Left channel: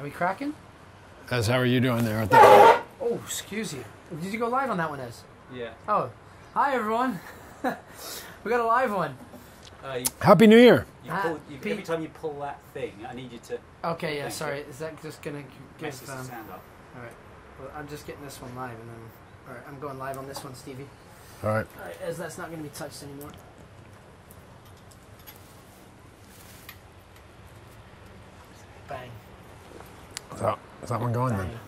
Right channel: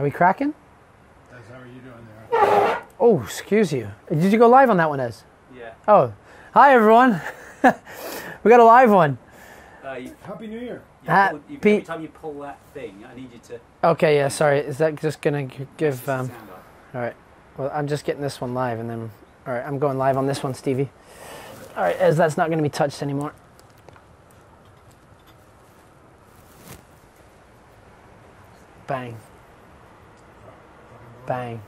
Are we cracking? Ez, how are you doing there? Oh, excuse you. Did you go live on that one, Ez? Yeah. Oh, hi everyone. We got a live one. Happy New Year. Every time you pull that thing, I need you to... Okay, yeah, sorry. Is that just going to give... sound all right. Well, I'm just getting this one live, and then... All right, I'm going live on this one, Stevie. All right. All right, Ez, that's not going to be touched anymore. Bang. Is that one going? Bang.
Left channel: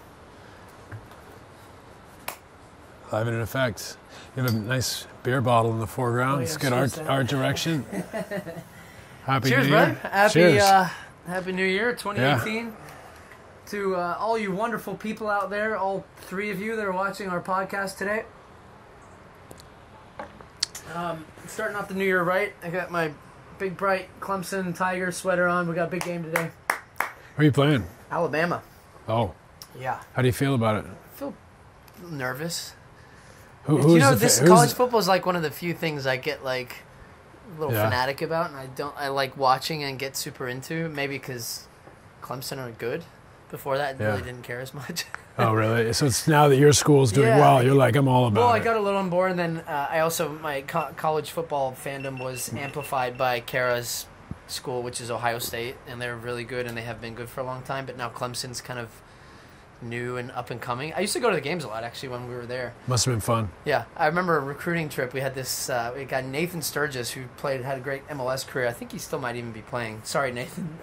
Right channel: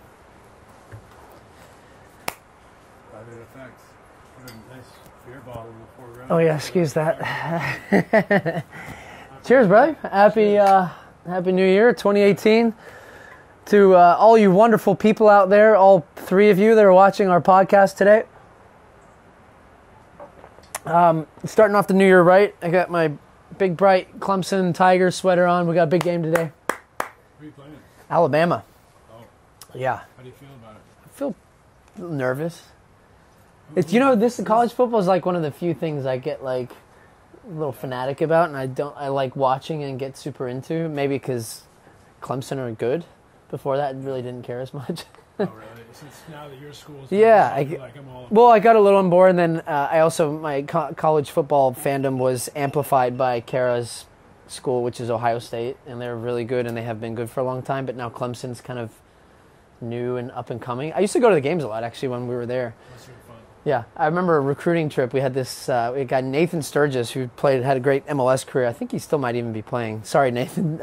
Live in effect. You have a nice beer bottle in the foreground. Oh, yeah, Let's excuse get that. our direction. Happy Cheers, New Year. brother. Cheers. Happy New Year, 2018. Yeah. To all you wonderful people out there, all three of you that are watching our podcast today. Starting off the New Year right. I got my big, bright Clemson Tigers sweater on. We got a big game today. Who are you playing? Alabama. Oh. Yeah. How do you feel about it? I feel nervous. Who's you know, college football is like one of the few things I get like a little fanatic about, and I like watching and get super into. Maybe because Clemson are good. Before that, I really didn't care as much. Oh, really? So it's now that your school's doing well, you're like, I'm all about it. Well, I got a little on board, and then I also, my college football fandom was amplified by Kara's school, which is Ohio State, and they're really good, and they have been good for a long time, but now Clemson's kind of new and up and coming. I used to go to the games a lot, actually, when we were there. Must have been fun. Yeah. I remember a recruiting trip. We had this guy, Nathan Sturgis, who had a great MLS career. I think he still might even be playing. Sorry, Nathan.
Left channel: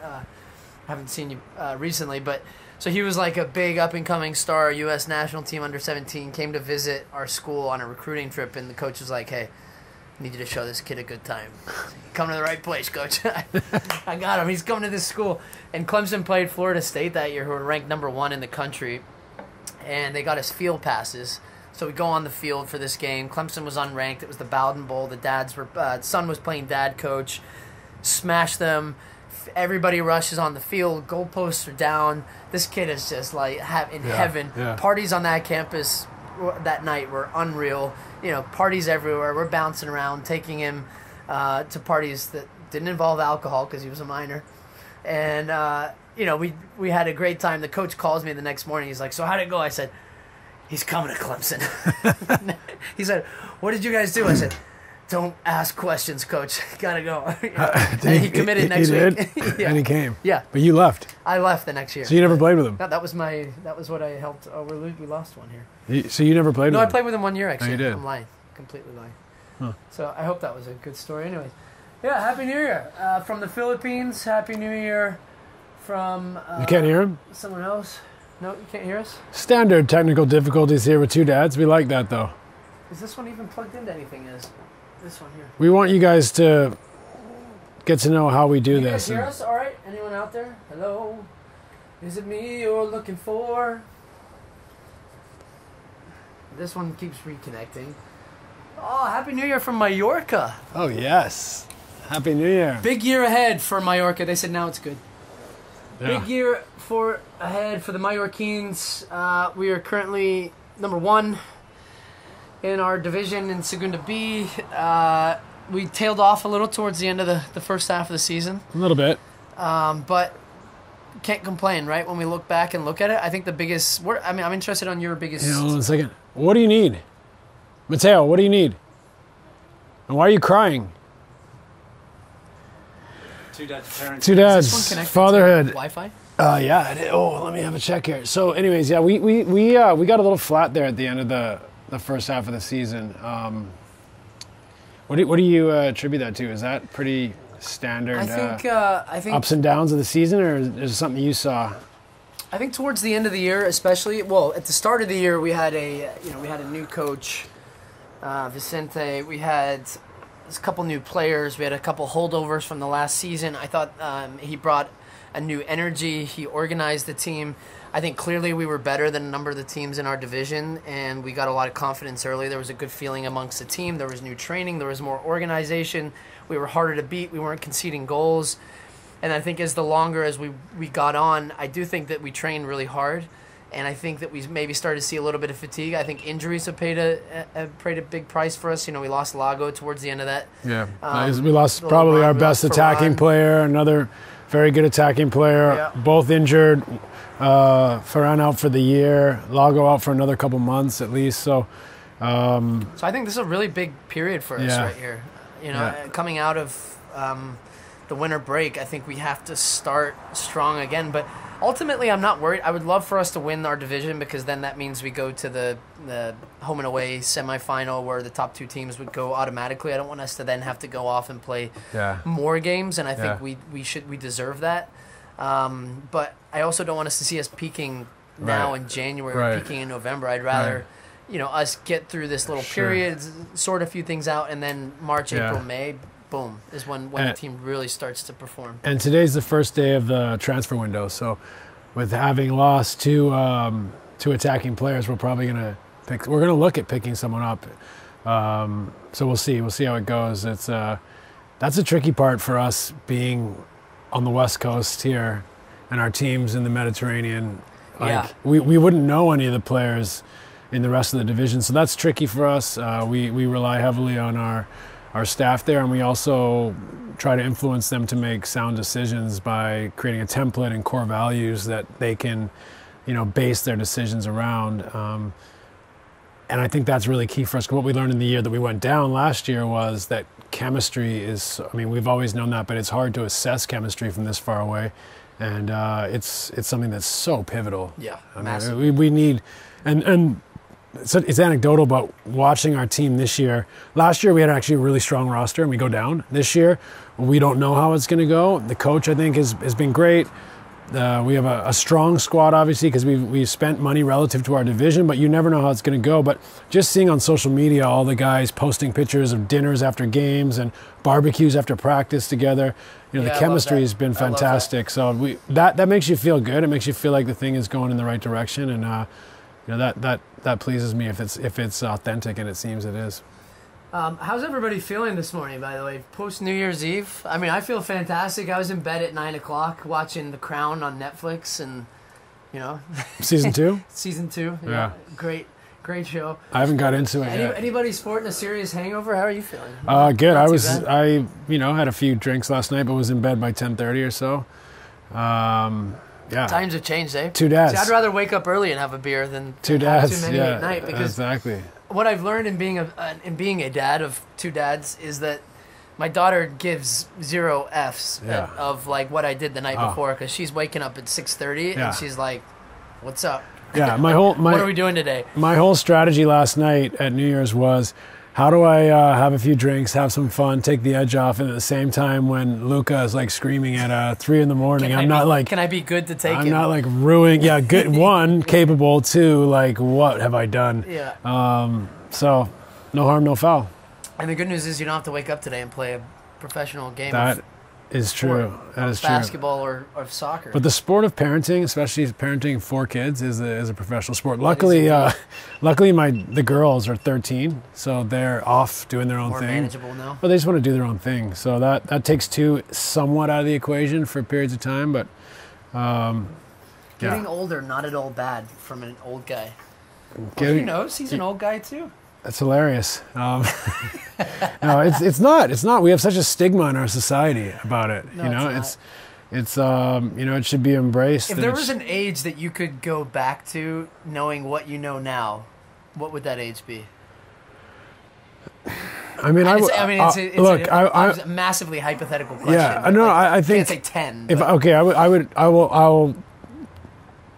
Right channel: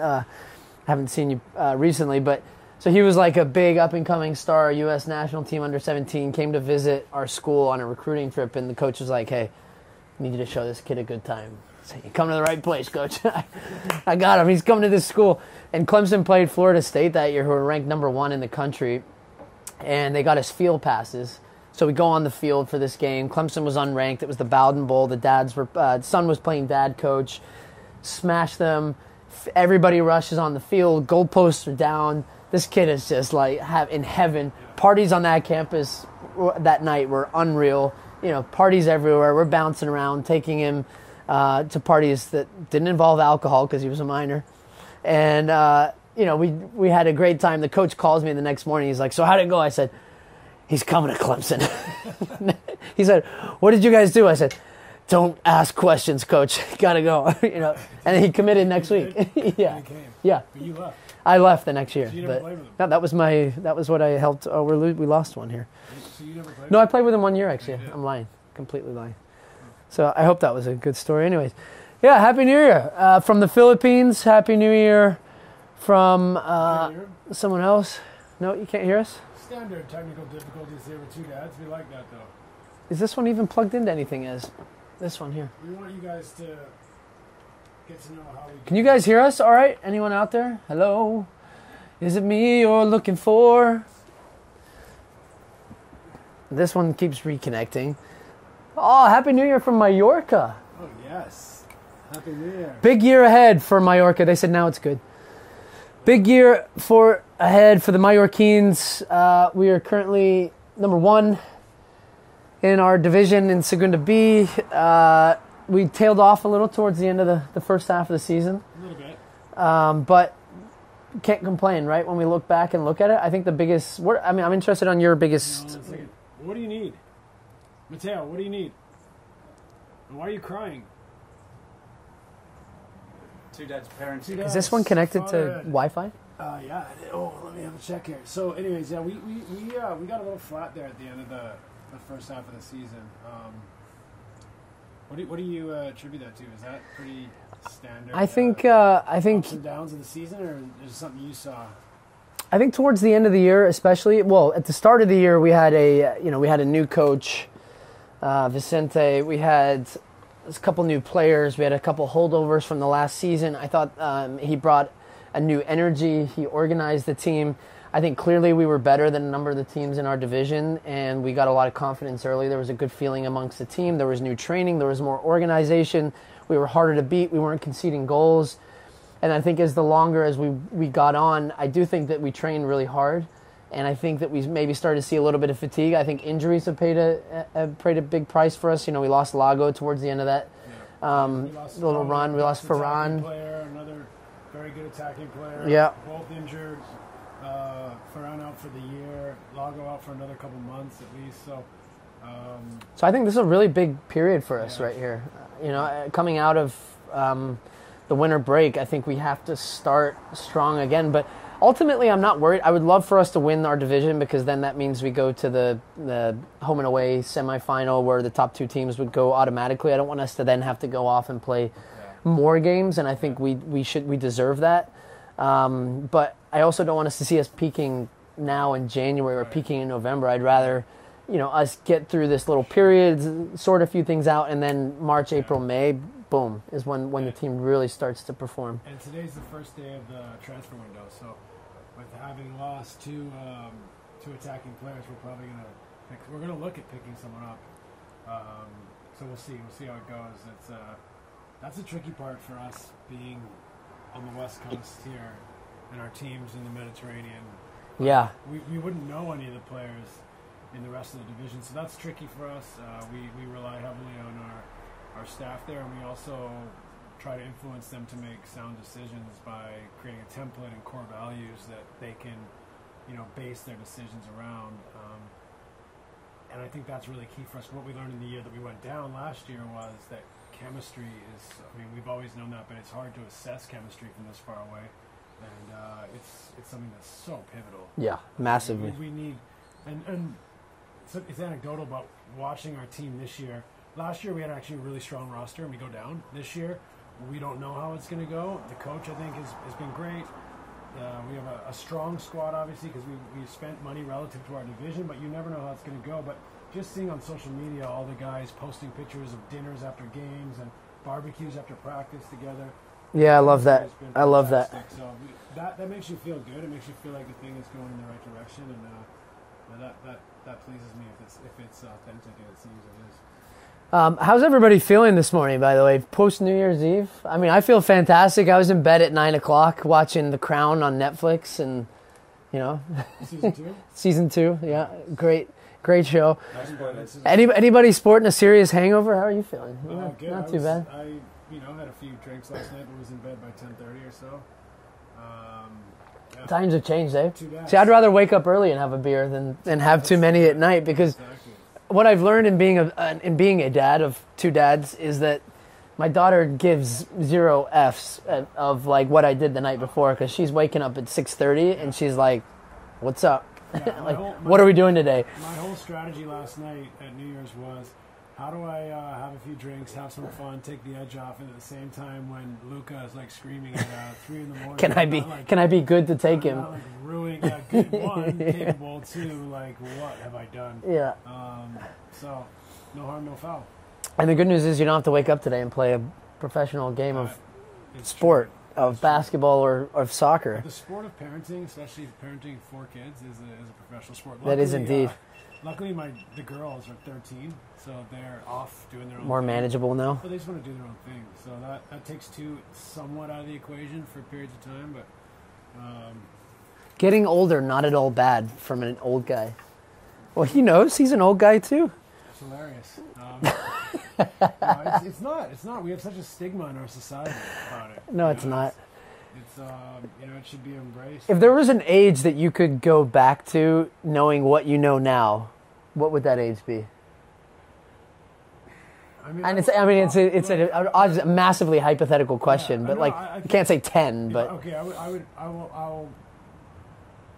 Haven't seen you recently, but... So he was like a big up-and-coming star, U.S. national team under 17, came to visit our school on a recruiting trip, and the coach was like, hey, I need you to show this kid a good time. So you come to the right place, coach. I got him. He's coming to this school. And Clemson played Florida State that year, who were ranked #1 in the country, and they got us field passes. So we go on the field for this game. Clemson was unranked. It was the Bowden Bowl. The son was playing dad coach. Smashed them. Everybody rushes on the field. Goalposts are down. This kid is just like in heaven. Yeah. Parties on that campus that night were unreal. You know, parties everywhere. We're bouncing around, taking him to parties that didn't involve alcohol because he was a minor. And, you know, we had a great time. The coach calls me the next morning. He's like, so how'd it go? I said, he's coming to Clemson. He said, what did you guys do? I said, don't ask questions, coach. Gotta go. You know? And he committed next week. Yeah. And he came. Yeah. But you left. I left the next year. So you never played with him? That was what I helped. Oh, we lost one here. So you never played with him? No, I played with him 1 year, actually. Oh, you did? I'm lying. Completely lying. Huh. So I hope that was a good story. Anyways. Yeah, Happy New Year. From the Philippines, Happy New Year from... you can't hear him? Someone else? No, you can't hear us? Standard technical difficulties here with two dads. We like that, though. Is this one even plugged into anything, Ez? This one here. We want you guys to get to know how we do this. You guys hear us all right? Anyone out there? Hello? Is it me you're looking for? This one keeps reconnecting. Oh, Happy New Year from Mallorca. Oh, yes. Happy New Year. Big year ahead for Mallorca. They said now it's good. Yeah. Big year ahead for the Mallorquins. We are currently #1 in our division in Segunda B. We tailed off a little towards the end of the first half of the season. A little bit. But can't complain, right? When we look back and look at it, I think the biggest... I'm interested on your biggest... Hold on a second. What do you need? Mateo, what do you need? And why are you crying? Two dads, parents. Two dads. Is this one connected fatherhood. to Wi-Fi? Yeah. Let me have a check here. So anyways, yeah, we got a little flat there at the end of the first half of the season. What do you attribute that to? Is that pretty standard? I think ups and downs of the season, or is it something you saw? I think towards the end of the year, especially. Well, at the start of the year, we had a new coach, Vicente. We had a couple new players. We had a couple holdovers from the last season. I thought he brought a new energy. He organized the team. I think clearly we were better than a number of the teams in our division, and we got a lot of confidence early. There was a good feeling amongst the team. There was new training. There was more organization. We were harder to beat. We weren't conceding goals. And I think as we got on, I do think that we trained really hard, and I think that we maybe started to see a little bit of fatigue. I think injuries have paid a big price for us. You know, we lost Lago towards the end of that. Yeah, we lost probably our best attacking player, another very good attacking player, both injured. Ferran out for the year. Lago out for another couple months at least. So I think this is a really big period for us right here. You know, coming out of the winter break, I think we have to start strong again. But ultimately, I'm not worried. I would love for us to win our division because then that means we go to the home and away semifinal where the top 2 teams would go automatically. I don't want us to then have to go off and play more games, and I think we deserve that. But I also don't want us to see us peaking now in January or peaking in November. I'd rather us get through this little period, sort a few things out, and then March, April, May, boom, is when the team really starts to perform. And today's the first day of the transfer window, so with having lost two attacking players, we're probably we're gonna look at picking someone up. So we'll see how it goes. It's that's a tricky part for us being on the West Coast here, and our teams in the Mediterranean. We wouldn't know any of the players in the rest of the division, so that's tricky for us. We rely heavily on our staff there, and we also try to influence them to make sound decisions by creating a template and core values that they can, base their decisions around. And I think that's really key for us. What we learned in the year that we went down last year was that chemistry is, we've always known that, but it's hard to assess chemistry from this far away. And it's something that's so pivotal. Yeah, massive. We need, and it's anecdotal, but watching our team this year, last year we had actually a really strong roster and we go down. This year, we don't know how it's going to go. The coach, I think, has been great. We have a strong squad, obviously, because we've spent money relative to our division, but you never know how it's going to go. But just seeing on social media all the guys posting pictures of dinners after games and barbecues after practice together, the chemistry has been fantastic. So that makes you feel good. It makes you feel like the thing is going in the right direction, and that pleases me if it's authentic, and it seems it is. How's everybody feeling this morning, by the way, post New Year's Eve? I feel fantastic. I was in bed at 9 o'clock watching The Crown on Netflix, and, Season 2? Season 2, yeah. Great show. I haven't got into it yet. Anybody sporting a serious hangover? How are you feeling? Good. I had a few drinks last night, but was in bed by 10:30 or so. Yeah. Times have changed, eh? Two dads. See, I'd rather wake up early and have a beer than have too many at night, because exactly. What I've learned in being a dad of 2 dads is that my daughter gives 0 Fs of like what I did the night before, because she's waking up at 6:30 and she's like, "What's up?" Yeah, what are we doing today? My whole strategy last night at New Year's was, how do I have a few drinks, have some fun, take the edge off, and at the same time when Luca is like screaming at 3 in the morning, can I be good to take him? I'm not like ruining. Yeah, good. 1, capable. 2, like, what have I done? Yeah. So, no harm, no foul. And the good news is you don't have to wake up today and play a professional game. That is true. That is basketball true. or soccer. But the sport of parenting, especially parenting 4 kids, is a professional sport. Luckily, the girls are 13, so they're off doing their own thing. More manageable now. But they just want to do their own thing. So that takes 2 somewhat out of the equation for periods of time. But getting older, not at all bad from an old guy. Well, who knows? He's an old guy too. That's hilarious. No, it's not. It's not. We have such a stigma in our society about it. No, it's not. It should be embraced. If there was an age that you could go back to knowing what you know now, what would that age be? It's a massively hypothetical question. Yeah, no, I think can't say 10.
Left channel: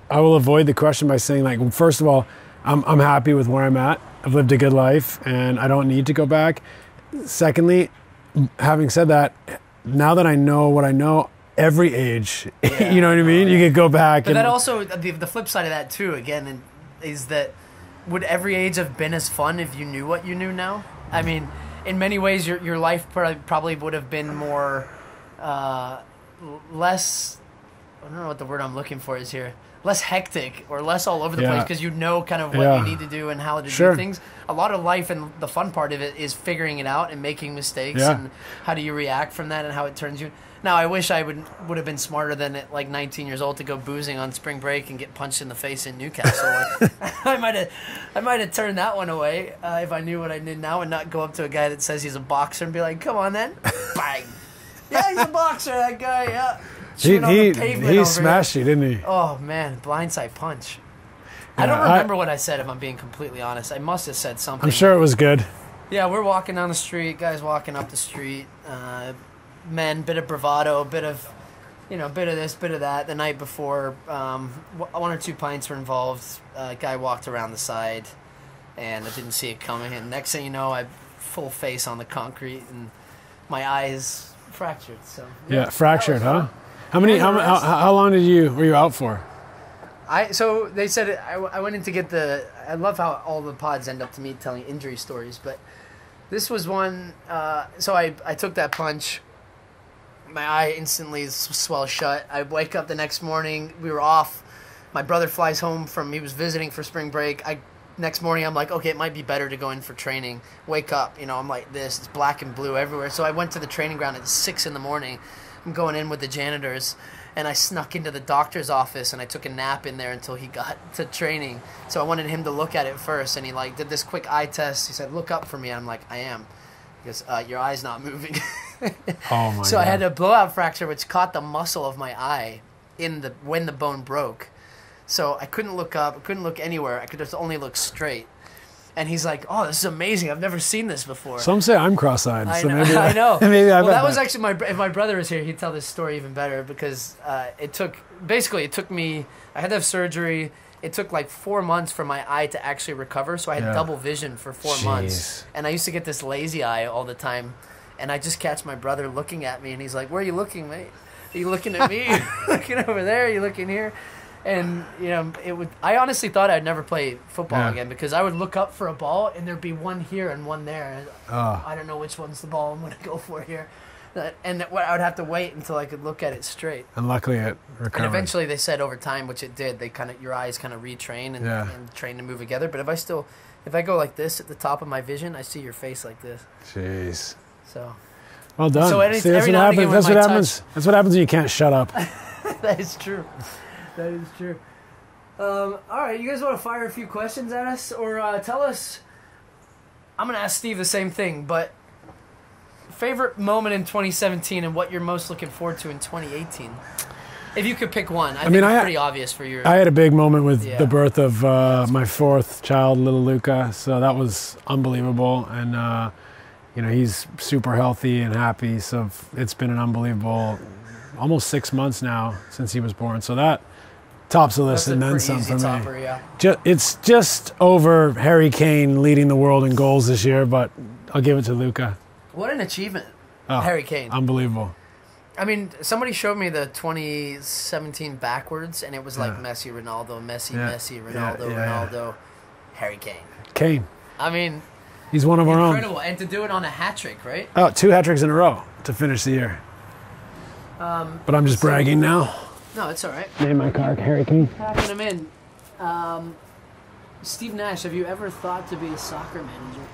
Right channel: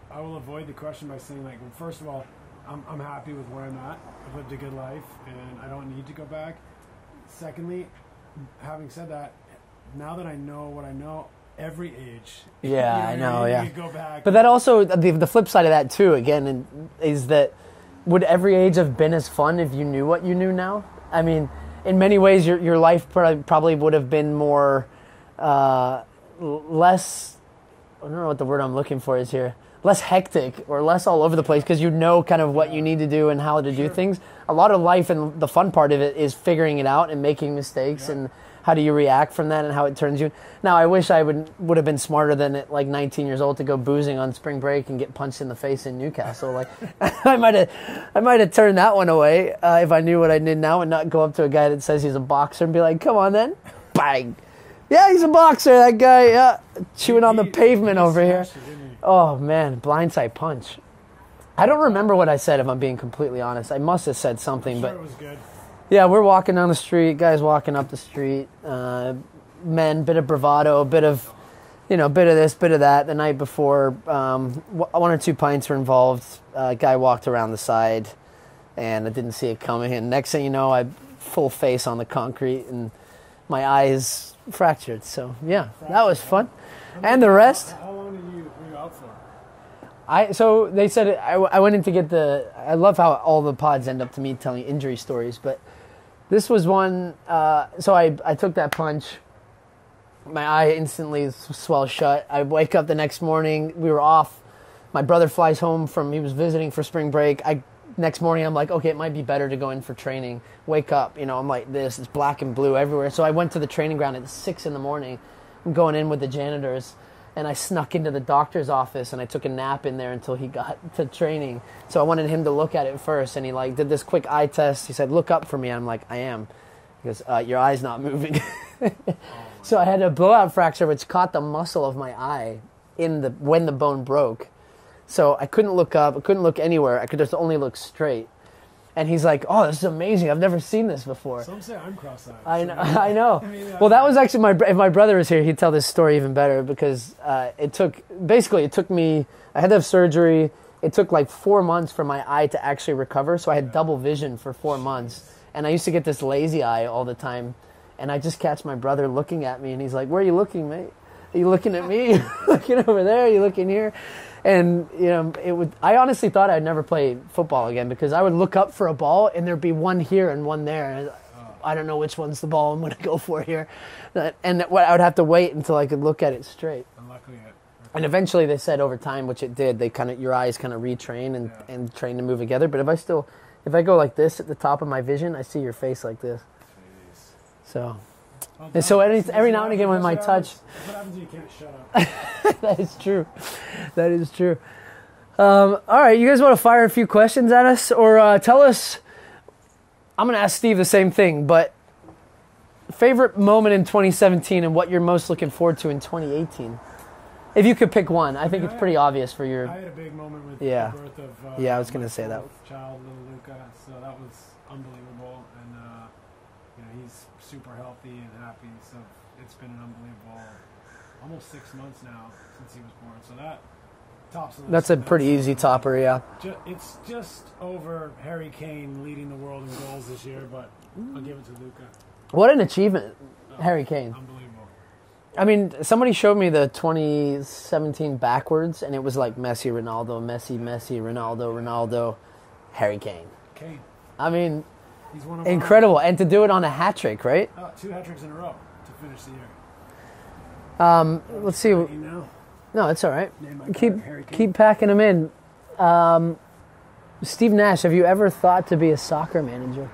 I will avoid the question by saying, like, first of all, I'm happy with where I'm at. I've lived a good life, and I don't need to go back. Secondly, having said that, now that I know what I know, every age, you know what I mean? Yeah. You could go back. But that also, the flip side of that too, again, is that would every age have been as fun if you knew what you knew now? I mean, in many ways, your life probably would have been more, less, I don't know what the word I'm looking for is here, less hectic or less all over the place, because you know kind of what you need to do and how to do things. A lot of life, and the fun part of it is figuring it out and making mistakes and how do you react from that and how it turns you. Now, I wish I would have been smarter than at like 19 years old to go boozing on spring break and get punched in the face in Newcastle. I might have turned that one away if I knew what I did now, and not go up to a guy that says he's a boxer and be like, "Come on then." Bang. Yeah, he's a boxer. That guy, yeah, chewing on the pavement he over smashed here. you, didn't he? Oh man, blindside punch. I don't remember what I said. If I'm being completely honest, I must have said something. I'm sure it was good. Yeah, we're walking down the street. Guys walking up the street. Men, bit of bravado, bit of this, bit of that. The night before, one or two pints were involved. A guy walked around the side, and I didn't see it coming. And next thing you know, I full face on the concrete, and my eye is fractured. So yeah, fractured, that was huh? fun. How long were you out for? So they said I went in to get the. I love how all the pods end up to me telling injury stories, but this was one. So I took that punch. My eye instantly swelled shut. I wake up the next morning. We were off. My brother flies home he was visiting for spring break. Next morning, I'm like, okay, it might be better to go in for training. Wake up, I'm like this. It's black and blue everywhere. So I went to the training ground at 6 in the morning. I'm going in with the janitors. And I snuck into the doctor's office, and I took a nap in there until he got to training. So I wanted him to look at it first, and he did this quick eye test. He said, "Look up for me." And I'm like, "I am." He goes, "Your eye's not moving." Oh my! So God. I had a blowout fracture, which caught the muscle of my eye when the bone broke. So I couldn't look up. I couldn't look anywhere. I could just only look straight. And he's like, "Oh, this is amazing! I've never seen this before." Some say I'm cross-eyed. I so know. maybe I know. Maybe well, that was actually if my brother was here, he'd tell this story even better because it took me. I had to have surgery. It took like 4 months for my eye to actually recover. So I had double vision for 4 months, and I used to get this lazy eye all the time. And I just catch my brother looking at me, and he's like, "Where are you looking, mate? Are you looking at me? Looking over there? Are you looking here?" And I honestly thought I'd never play football again because I would look up for a ball and there'd be one here and one there. I don't know which one's the ball I'm going to go for here, and I would have to wait until I could look at it straight. And luckily it recovered. And eventually they said over time, which it did, your eyes kind of retrain and train to move together. But if I go like this at the top of my vision, I see your face like this. Jeez. So. Well done. So every now and again when That's what happens when you can't shut up. That is true. That is true. All right, you guys want to fire a few questions at us? Or tell us, I'm going to ask Steve the same thing, but favorite moment in 2017 and what you're most looking forward to in 2018? If you could pick one. I think it's pretty obvious for your... I had a big moment with the birth of my fourth child, little Luca, so that was unbelievable. And, he's super healthy and happy, so it's been an unbelievable almost 6 months now since he was born. So that tops the list. That's a pretty easy topper, yeah. It's just over Harry Kane leading the world in goals this year, but I'll give it to Luca. What an achievement, Harry Kane. Unbelievable. I mean, somebody showed me the 2017 backwards, and it was like Messi, Ronaldo, Messi, Ronaldo, Ronaldo, Harry Kane. Kane. I mean... He's one of our own. Incredible. And to do it on a hat trick, right? Oh, 2 hat tricks in a row to finish the year. But I'm just bragging now. No, it's all right. Name my car, Harry Kane. Keep packing them in. Steve Nash, have you ever thought to be a soccer manager?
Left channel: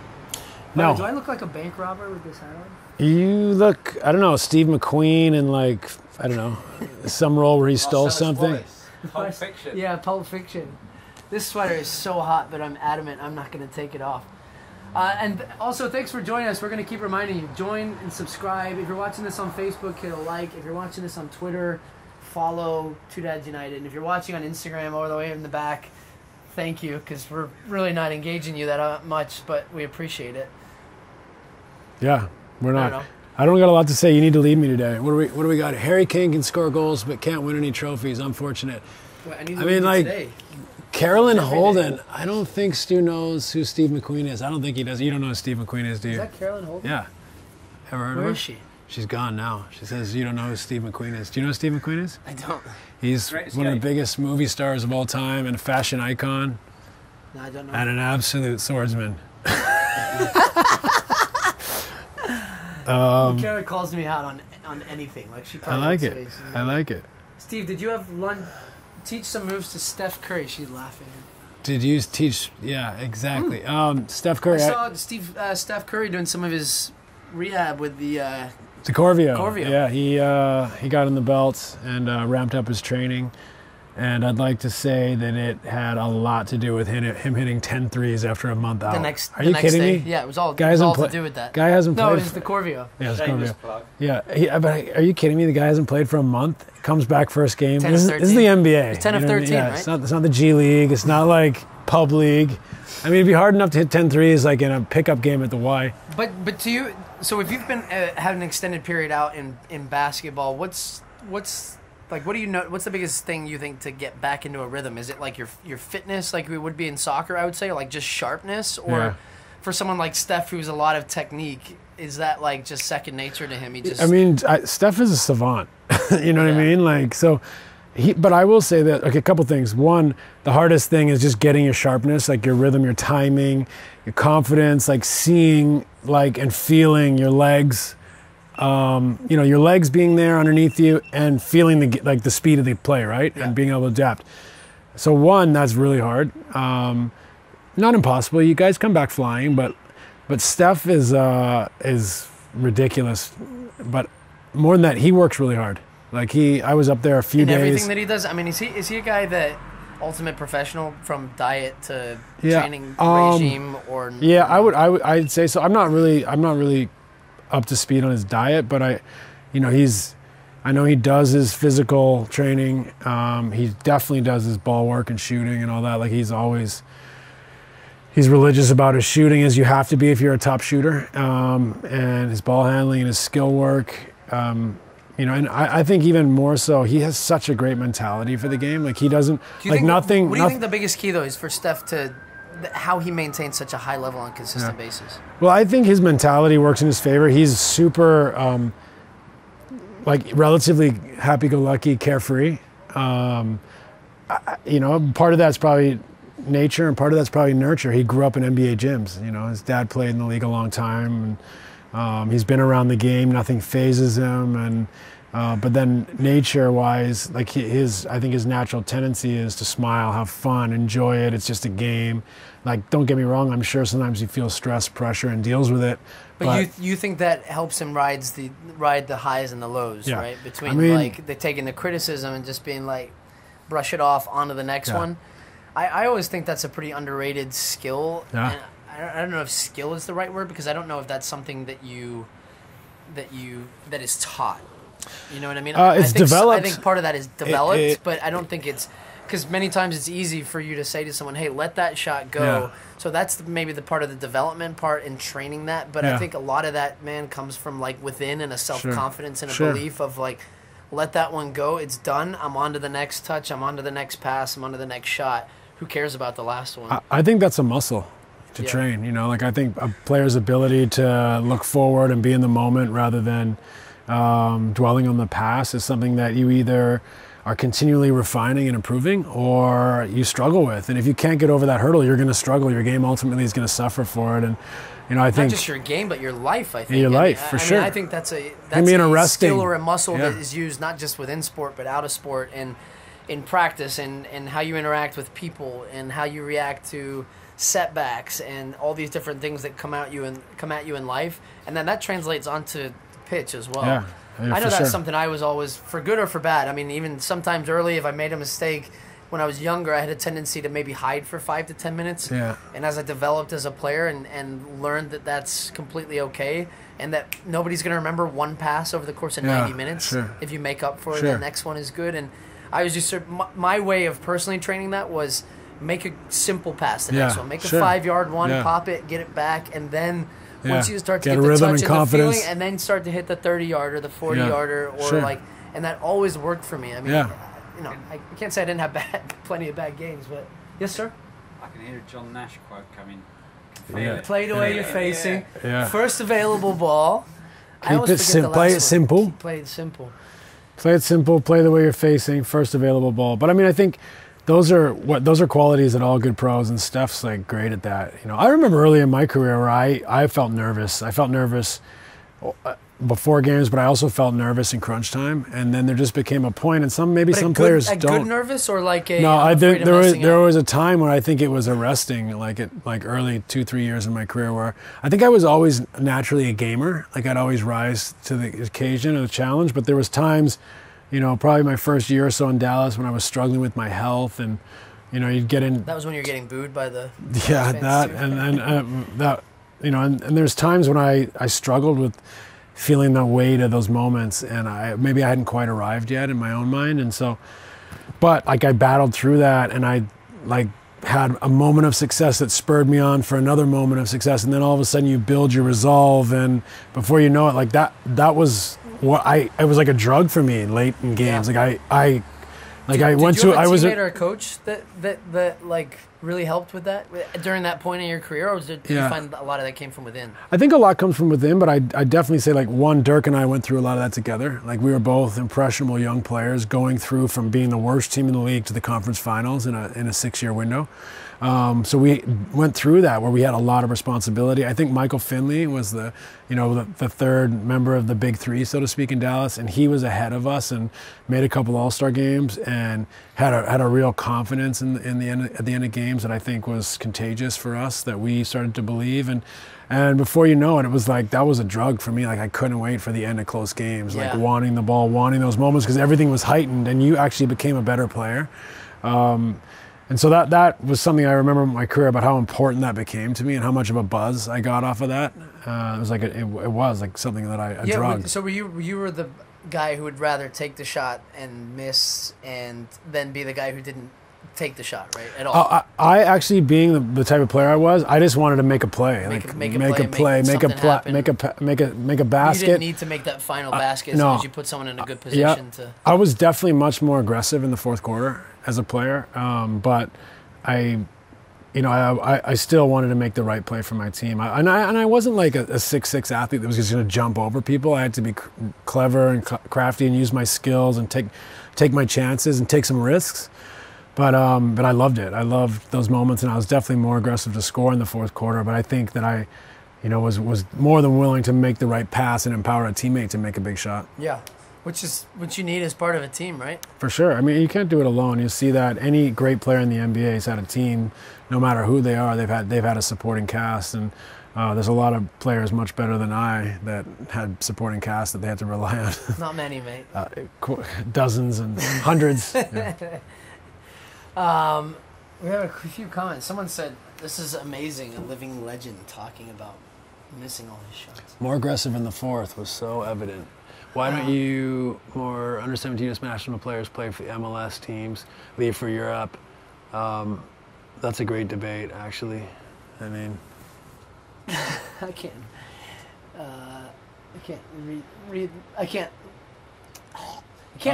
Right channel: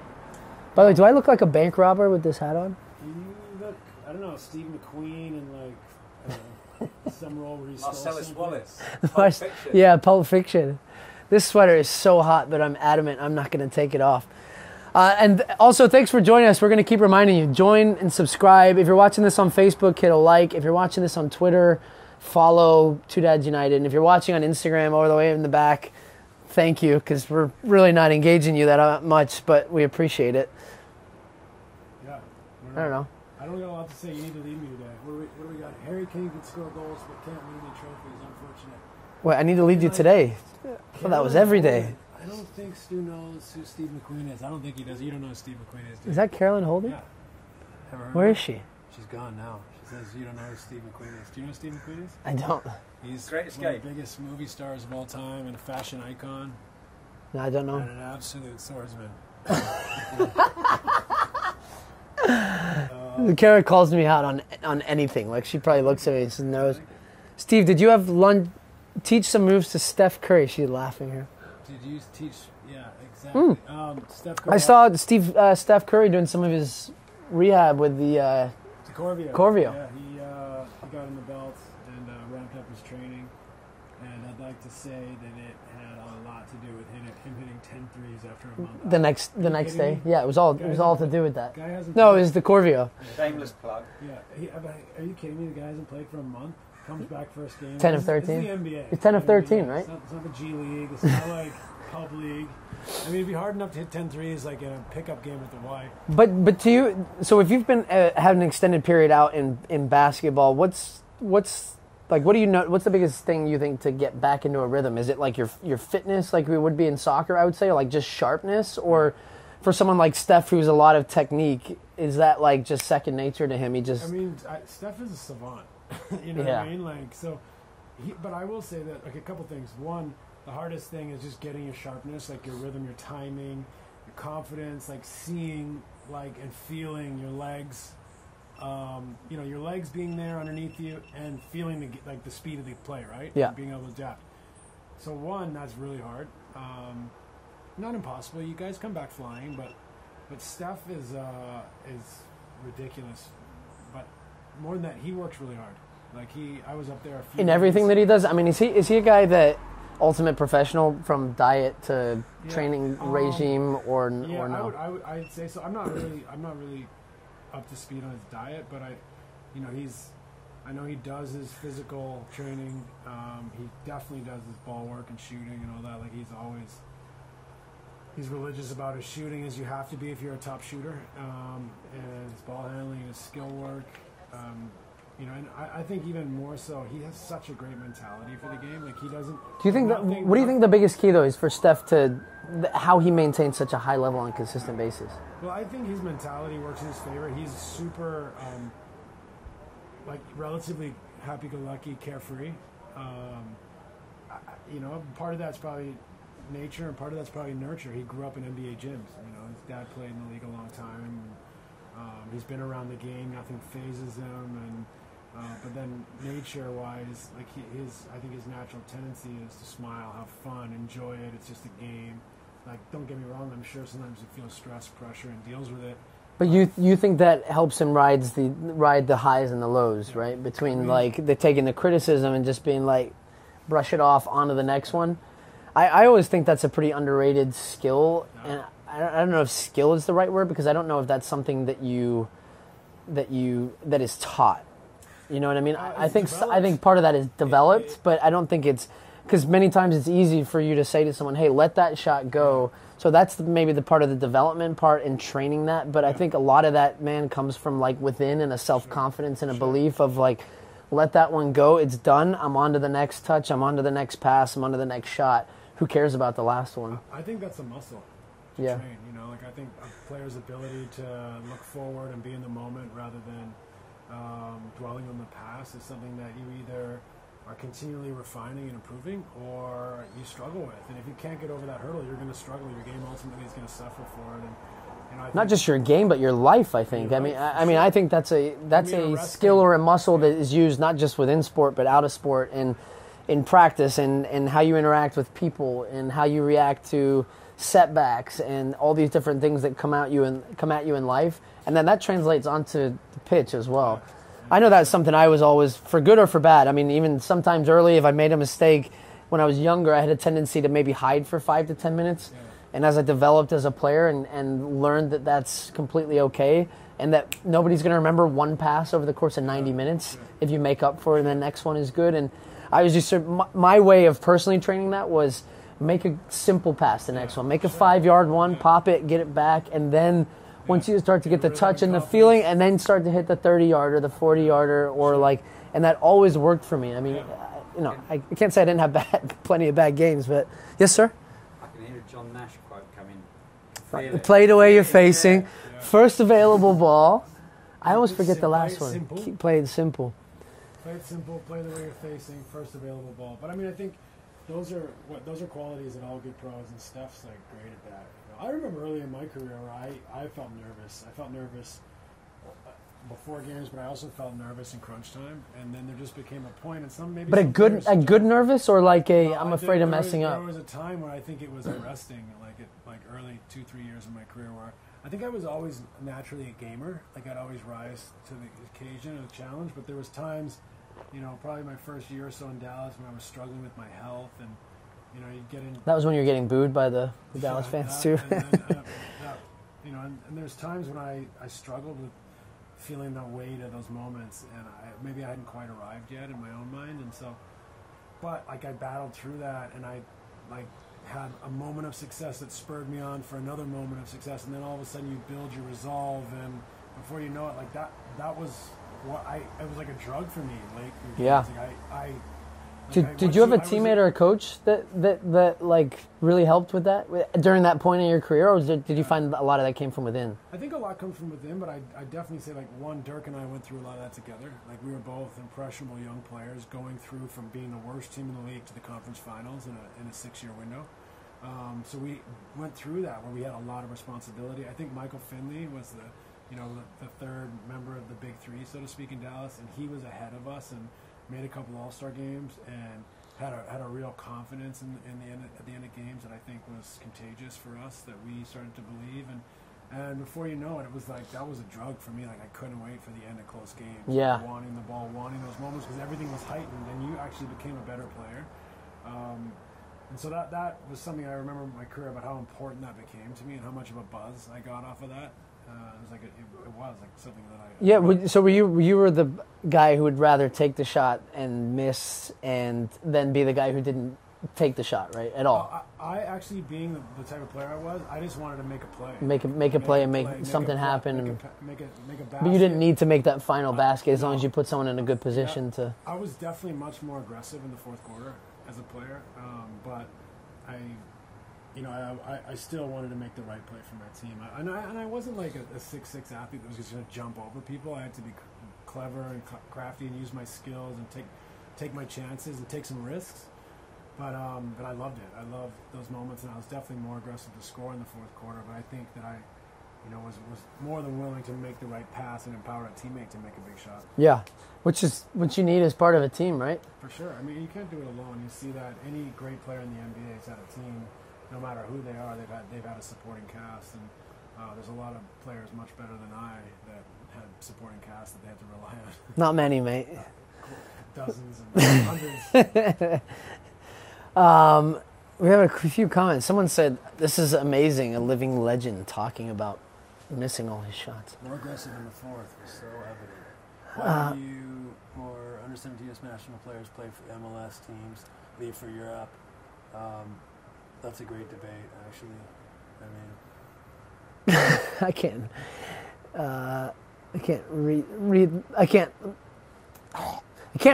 By the way, do I look like a bank robber with this hat on? You look, I don't know, Steve McQueen in some role where he stole something. Pulp Fiction. Yeah, Pulp Fiction. This sweater is so hot, but I'm adamant I'm not going to take it off. And also, thanks for joining us. We're going to keep reminding you, join and subscribe. If you're watching this on Facebook, hit a like. If you're watching this on Twitter, follow Two Dads United. And if you're watching on Instagram all the way in the back, thank you, because we're really not engaging you that much, but we appreciate it. Yeah, we're not. I don't got a lot to say. You need to lead me today. What do we got? Harry Kane can score goals, but can't win any trophies. Unfortunate. Wait, I need to lead you today. Carolyn Holden. I don't think Stu knows who Steve McQueen is. I don't think he does. You don't know who Steve McQueen is, do you? Is that Carolyn Holden? Yeah. Ever heard of her? Where is she? She's gone now. She says you don't know who Steve McQueen is. Do you know who Steve McQueen is? I don't. He's one of the biggest movie stars of all time and a fashion icon. No, I don't know. And an absolute swordsman. Kara calls me out on anything. Like she probably looks at it. I like it. Steve, did you have lunch? Teach some moves to Steph Curry. She's laughing here. Did you teach? Yeah, exactly. Steph Curry. I saw Steph Curry doing some of his rehab with the Corvio. Corvio. Yeah, he got in the belts and ramped up his training. And I'd like to say that it had a lot to do with him hitting 10 threes after a month out. The next Are you next kidding day. me? Yeah, it was all to do with that. Guy hasn't No, played. it was the Corvio. Yeah, it's Shameless Corvio. plug. Yeah, but are you kidding me? The guy hasn't played for a month. Comes back first game. 10 This of is the 13. NBA. It's 10 of you know what I mean? 13, Yeah, right? It's not the G League. It's not like pub league. I mean, it'd be hard enough to hit 10 threes like in a pickup game at the Y. But to you, so if you've been had an extended period out in basketball, what's like, what do you know? What's the biggest thing you think to get back into a rhythm? Is it like your fitness, like we would be in soccer? I would say, like just sharpness, or Yeah. for someone like Steph, who's a lot of technique, is that like just second nature to him? He just. I mean, Steph is a savant. You know what I Yeah. mean? Like, so. But I will say that, okay, a couple things. One, the hardest thing is just getting your sharpness, like your rhythm, your timing, your confidence, like seeing, like, and feeling your legs, your legs being there underneath you and feeling the speed of the play, right? Yeah. And being able to adapt. So one, that's really hard. Not impossible. You guys come back flying, but Steph is ridiculous. But more than that, he works really hard. Like I was up there a few in days. everything that he does. I mean, is he a guy that ultimate professional from diet to training regime or? Yeah, no? I'd say so. I'm not really up to speed on his diet, but I know he does his physical training. He definitely does his ball work and shooting and all that. Like he's religious about his shooting, as you have to be if you're a top shooter, and his ball handling and his skill work. And I think even more so, he has such a great mentality for the game. Like he doesn't nothing. What do you think the biggest key though is for Steph to how he maintains such a high level on a consistent basis? Well, I think his mentality works in his favor. He's super, relatively happy-go-lucky, carefree. Part of that's probably nature, and part of that's probably nurture. He grew up in NBA gyms. His dad played in the league a long time, and he's been around the game. Nothing phases him, and but then nature-wise, like I think his natural tendency is to smile, have fun, enjoy it. It's just a game. Like, don't get me wrong. I'm sure sometimes he feels stress, pressure, and deals with it. But you think that helps him ride the highs and the lows, Yeah. right? Between taking the criticism and just being like, brush it off onto the next one. I always think that's a pretty underrated skill. Yeah. And I don't know if skill is the right word, because I don't know if that's something that is taught. You know what I mean? It's developed. I think part of that is developed, but I don't think it's because many times it's easy for you to say to someone, "Hey, let that shot go." Yeah. So that's maybe the part of the development part in training that. But I think a lot of that, man, comes from like within and a self-confidence and a belief of like, let that one go. It's done. I'm on to the next touch. I'm on to the next pass. I'm on to the next shot. Who cares about the last one? I think that's a muscle to train. I think a player's ability to look forward and be in the moment rather than dwelling on the past is something that you either are continually refining and improving or you struggle with. And if you can't get over that hurdle, you're going to struggle. Your game ultimately is going to suffer for it. And I think not just your game, but your life. I think your life, for sure. I think that's a skill or a muscle that is used not just within sport but out of sport and in practice and how you interact with people and how you react to setbacks and all these different things that come at you in life, and then that translates onto the pitch as well. Yeah, I know that's something I was always, for good or for bad. I mean, even sometimes early, if I made a mistake when I was younger, I had a tendency to maybe hide for 5 to 10 minutes. Yeah. And as I developed as a player and learned that that's completely okay, and that nobody's going to remember one pass over the course of 90 minutes. Sure. If you make up for it, the next one is good. And I was just my way of personally training that was make a simple pass the next one. Make a 5-yard one, pop it, get it back, and then once you start to get the touch and the feeling, and then start to hit the 30-yarder, the 40-yarder, or and that always worked for me. I mean, I can't say I didn't have plenty of bad games, but yes, sir. I can hear a John Nash quote coming. Play the way you're facing. Yeah. First available ball. I always forget the last play it one. simple. Play it simple. Play it simple. Play the way you're facing. First available ball. But I mean, I think those are qualities that all good pros, and Steph's like great at that. I remember early in my career where I felt nervous. I felt nervous before games, but I also felt nervous in crunch time. And then there just became a point, and some players don't. Good nervous or like a no? There up? was a time where I think it was arresting, like early 2-3 years in my career, where I think I was always naturally a gamer. Like I'd always rise to the occasion or the challenge, but there was times probably my first year or so in Dallas when I was struggling with my health, and you'd get in. That was when you were getting booed by the yeah, fans that too. and that and there's times when I struggled with feeling the weight of those moments, and maybe I hadn't quite arrived yet in my own mind, and so, but like I battled through that, and I like had a moment of success that spurred me on for another moment of success, and then all of a sudden you build your resolve, and before you know it, like that was what it was like a drug for me late in games. Yeah. Like Did I went you to have I was a teammate or a coach that like really helped with that during that point in your career, or did you find a lot of that came from within? I think a lot comes from within, but I definitely say like Dirk and I went through a lot of that together. Like we were both impressionable young players going through from being the worst team in the league to the conference finals in a 6-year window. So we went through that where we had a lot of responsibility. I think Michael Finley was the third member of the big three, so to speak, in Dallas, and he was ahead of us and made a couple All-Star games and had a real confidence at the end of games that I think was contagious for us, that we started to believe. And before you know it was like that was a drug for me. Like I couldn't wait for the end of close games, like wanting the ball, wanting those moments, because everything was heightened and you actually became a better player. And so that was something I remember in my career about how important that became to me and how much of a buzz I got off of that. It was like it was like something that I drug. So you were the guy who would rather take the shot and miss, and then be the guy who didn't take the shot, right? At all. I actually, being the type of player I was, I just wanted to make a play, make a make a basket. You didn't need to make that final basket as long as you put someone in a good position to. I was definitely much more aggressive in the fourth quarter as a player, but I still wanted to make the right play for my team. I wasn't like a 6'6" athlete that was just going to jump over people. I had to be clever and crafty and use my skills and take my chances and take some risks. But I loved it. I loved those moments, and I was definitely more aggressive to score in the fourth quarter. But I think that I was more than willing to make the right pass and empower a teammate to make a big shot. Yeah. Which is what you need as part of a team, right? For sure. I mean, you can't do it alone. You see that any great player in the NBA has had a team. No matter who they are, they've had a supporting cast, and there's a lot of players much better than I that had supporting cast that they had to rely on. Not many, mate. Dozens and hundreds. Yeah. We have a few comments. Someone said, "This is amazing. A living legend talking about missing all his shots." More aggressive in the fourth was so evident. Why don't you more under 17 national players play for the MLS teams, leave for Europe? That's a great debate, actually. I mean, I can't read. I can't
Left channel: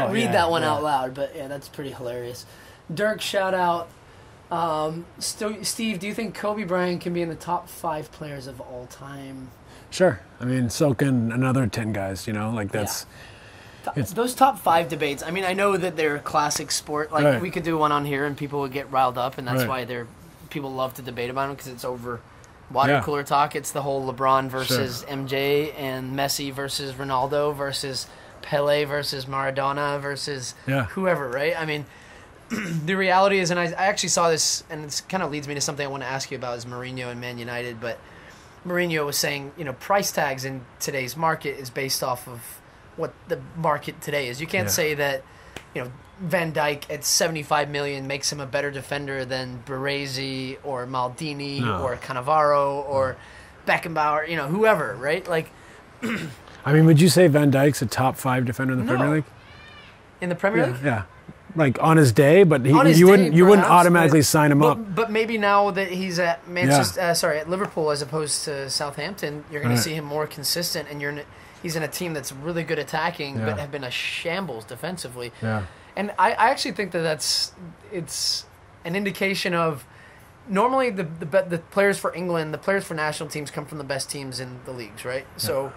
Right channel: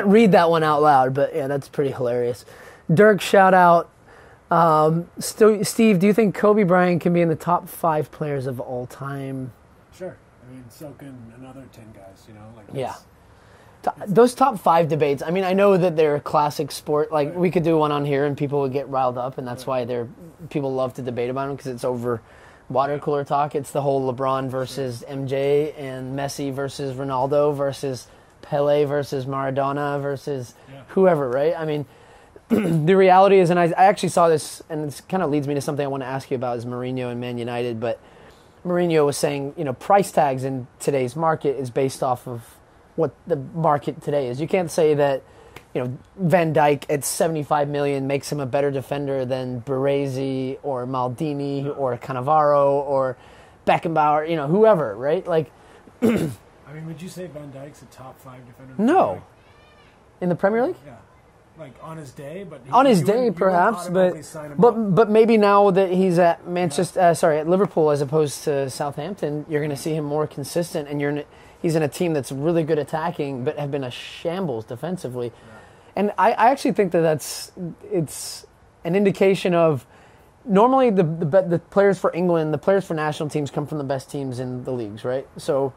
read that one out loud. But yeah, that's pretty hilarious. Dirk, shout out. Steve, do you think Kobe Bryant can be in the top 5 players of all time? Sure. I mean, so can another 10 guys, like that's... Yeah. Those top 5 debates, I mean, I know that they're a classic sport. Like, we could do one on here and people would get riled up, and that's why people love to debate about them, because it's over water cooler talk. It's the whole LeBron versus MJ and Messi versus Ronaldo versus Pele versus Maradona versus whoever, right? I mean, the reality is, and I actually saw this, and it kind of leads me to something I want to ask you about, is Mourinho and Man United, but Mourinho was saying, price tags in today's market is based off of what the market today is. You can't say that, Van Dijk at $75 million makes him a better defender than Baresi or Maldini or Cannavaro or Beckenbauer, whoever, right? Like, I mean, would you say Van Dijk's a top 5 defender in the Premier League? In the Premier League? Yeah. Like on his day, but you wouldn't automatically sign him up. But maybe now that he's at at Liverpool as opposed to Southampton, you're going to see him more consistent, and he's in a team that's really good attacking, but have been a shambles defensively. Yeah. And I actually think it's an indication of normally the players for England, the players for national teams come from the best teams in the leagues, right? Yeah. So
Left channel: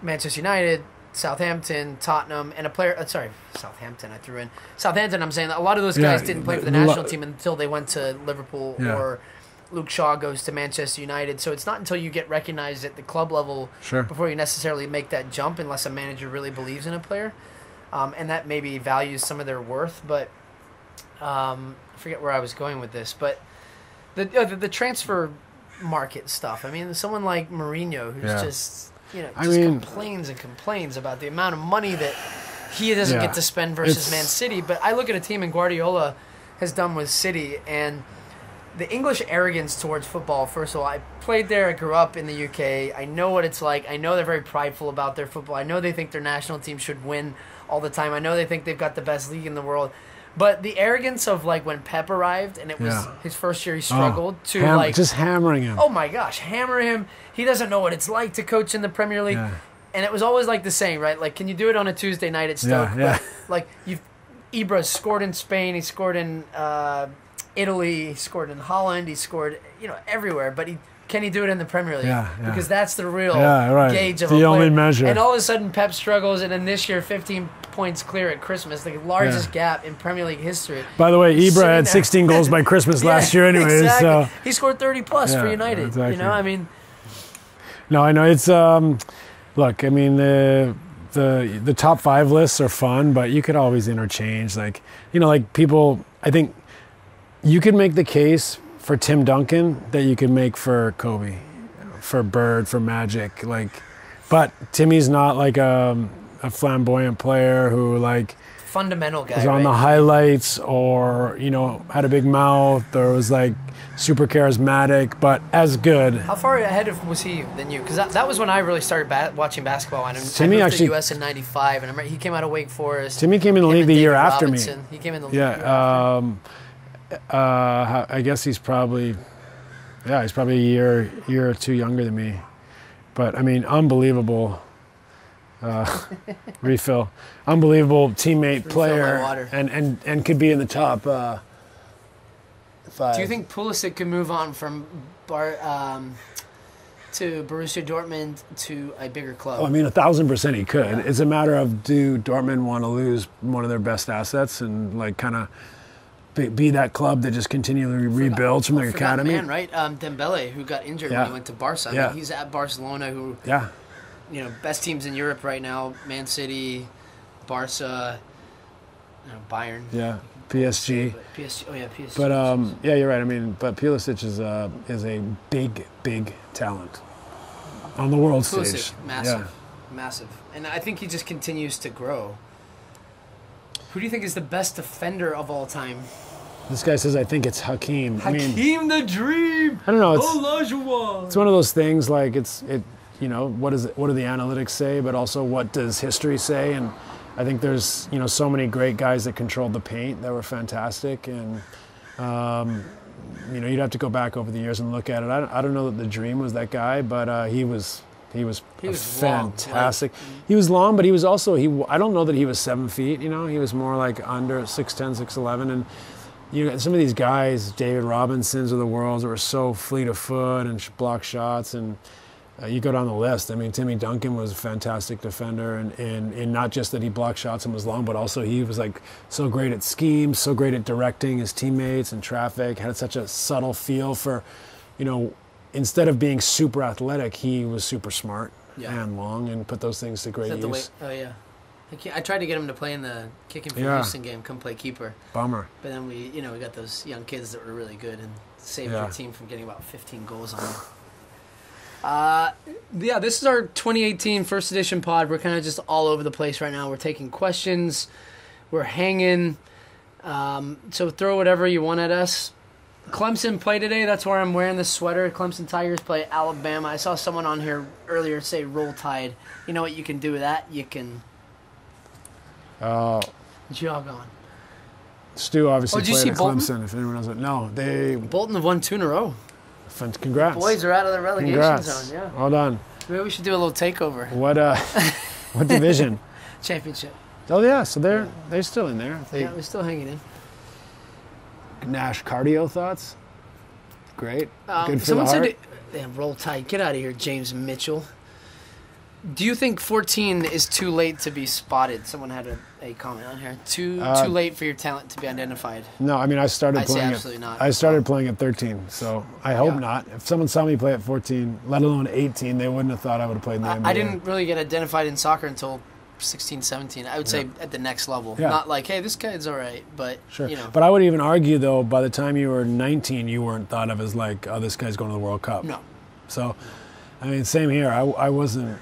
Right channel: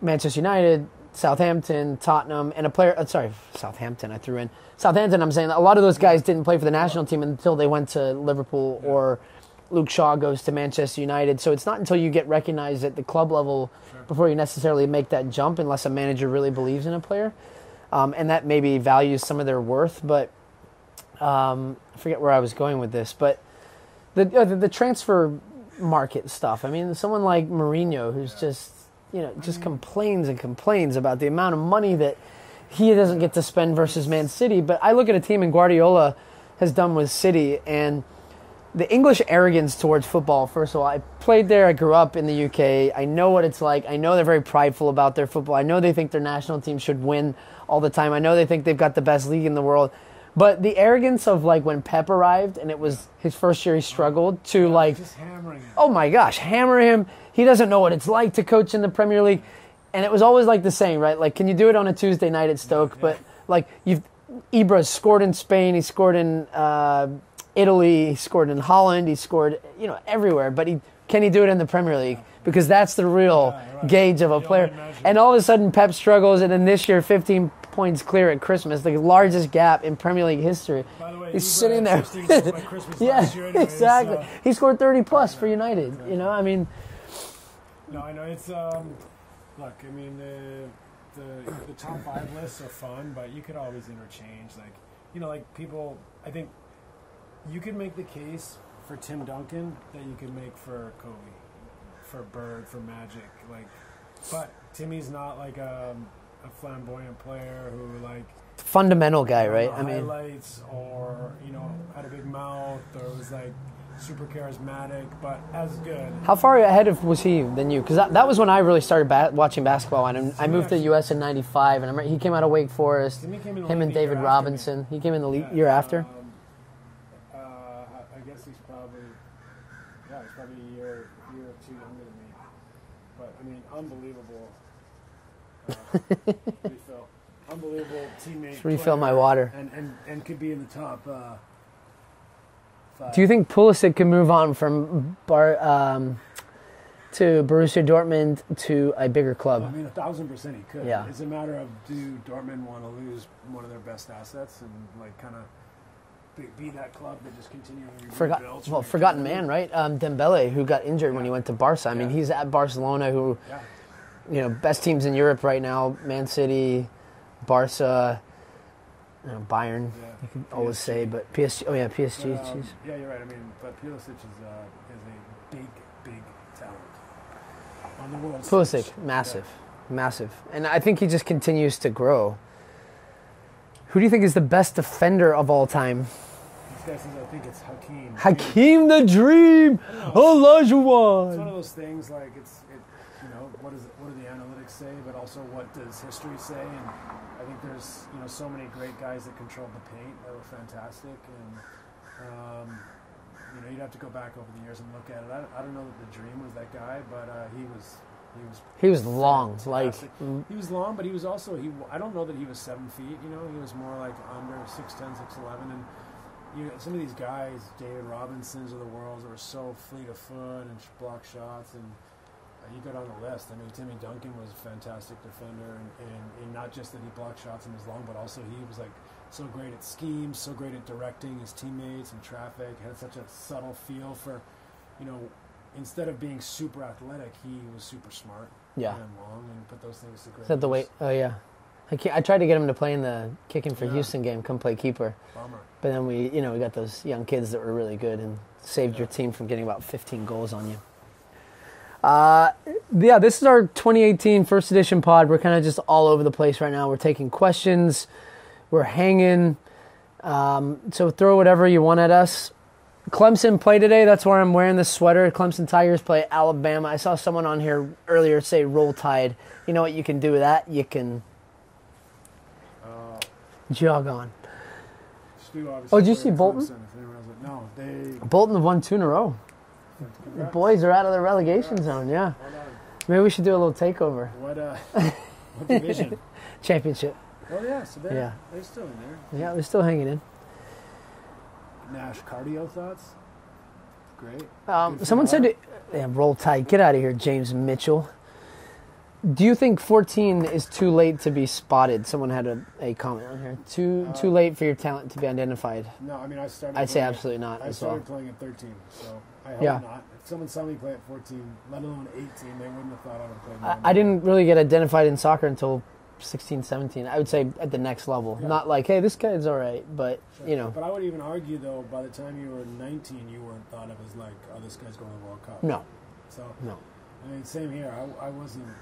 Manchester United, Southampton, Tottenham, and Southampton I threw in. Southampton, I'm saying a lot of those guys didn't play for the national team until they went to Liverpool, or Luke Shaw goes to Manchester United. So it's not until you get recognized at the club level before you necessarily make that jump, unless a manager really believes in a player. And that maybe values some of their worth. But I forget where I was going with this. But the transfer market stuff, I mean, someone like Mourinho, who's just... complains and complains about the amount of money that he doesn't Yeah. get to spend versus It's- Man City. But I look at a team, and Guardiola has done with City, and the English arrogance towards football. First of all, I played there. I grew up in the UK. I know what it's like. I know they're very prideful about their football. I know they think their national team should win all the time. I know they think they've got the best league in the world. But the arrogance of like when Pep arrived and it was Yeah. his first year, he struggled to just hammering him. oh my gosh, hammer him. He doesn't know what it's like to coach in the Premier League. Yeah. And it was always like the saying, right? Like, can you do it on a Tuesday night at Stoke? Yeah. But, like, Ibra scored in Spain, he scored in Italy, he scored in Holland, he scored, everywhere. But can he do it in the Premier League? Yeah. Because that's the real Right. gauge of The a player. only measure. And all of a sudden, Pep struggles, and then this year, 15 points clear at Christmas, the largest gap in Premier League history. By the way, He's Ibra sitting had there. 16 goals by Christmas last year anyways. Exactly. So. He scored 30 plus for Yeah, United. exactly. I mean, No, I know it's look, I mean the top 5 lists are fun, but you could always interchange like people, I think you could make the case for Tim Duncan that you could make for Kobe, for Bird, for Magic, but Timmy's not like a flamboyant player who like fundamental guy, was on right? the highlights or had a big mouth or was like super charismatic, but as good. How far ahead was he than you? Because that was when I really started watching basketball. And I moved to the U.S. in '95, and I remember he came out of Wake Forest. Timmy came in the Him league and the year David after Robinson. me. He came in the year after. I guess he's probably a year or two younger than me. But I mean, unbelievable refill. Unbelievable teammate, Refill player, my water. and could be in the top 5. Do you think Pulisic can move on from to Borussia Dortmund to a bigger club? Oh, I mean, 1,000% he could. Yeah. It's a matter of, do Dortmund want to lose one of their best assets and like kind of be that club that just continually rebuilds from their academy? Man, right? Dembele, who got injured when he went to Barca. I mean, he's at Barcelona, who best teams in Europe right now: Man City, Barca, Bayern. Yeah, always say, PSG. but PSG. Oh yeah, PSG. But jeez. yeah, you're right. I mean, but Pulisic is a big talent on the world Pulisic, stage. massive, and I think he just continues to grow. Who do you think is the best defender of all time? This guy says, I think it's Hakeem. Hakeem the Dream. I don't know. Olajuwon. It's one of those things like what do the analytics say, but also what does history say? And I think there's so many great guys that controlled the paint that were fantastic, and you'd have to go back over the years and look at it. I don't know that the Dream was that guy, but he was fantastic. Long. He was long, but he was also I don't know that he was 7 feet. He was more like under 6'10", 6'11", and some of these guys, David Robinsons of the world, that were so fleet of foot and block shots, and you go down the list. I mean, Timmy Duncan was a fantastic defender, and not just that he blocked shots and was long, but also he was like so great at schemes, so great at directing his teammates and traffic, had such a subtle feel for, instead of being super athletic, he was super smart and long and put those things to great use. Oh yeah. I tried to get him to play in the kicking from Houston game, come play keeper. Bummer. But then we got those young kids that were really good and saved your team from getting about 15 goals on them. This is our 2018 first edition pod. We're kind of just all over the place right now. We're taking questions. We're hanging. So throw whatever you want at us. Clemson play today. That's where I'm wearing this sweater. Clemson Tigers play Alabama. I saw someone on here earlier say Roll Tide. You know what you can do with that? You can jog on. Stu obviously did you played see at Bolton? Clemson, if anyone doesn't know. Bolton have won 2 in a row. Congrats. Boys are out of the relegation Congrats. zone, yeah. Well done. Maybe we should do a little takeover. What division? Championship. Oh yeah, so they're still in there. Yeah, we're still hanging in. Nash cardio thoughts? Great. Good for Someone the heart. said, Roll Tide. Get out of here, James Mitchell. Do you think 14 is too late to be spotted? Someone had a comment on here. Too late for your talent to be identified. No, I mean I started I'd say playing absolutely not. I started playing at 13, so I hope Yeah. not. If someone saw me play at 14, let alone 18, they wouldn't have thought I would have played in the NBA. I didn't really get identified in soccer until 16, 17. I would say at the next level. Yeah. Not like, hey, this guy's all right, but, Sure. you know. But I would even argue, though, by the time you were 19, you weren't thought of as like, oh, this guy's going to the World Cup. No. So, I mean, same here. I wasn't,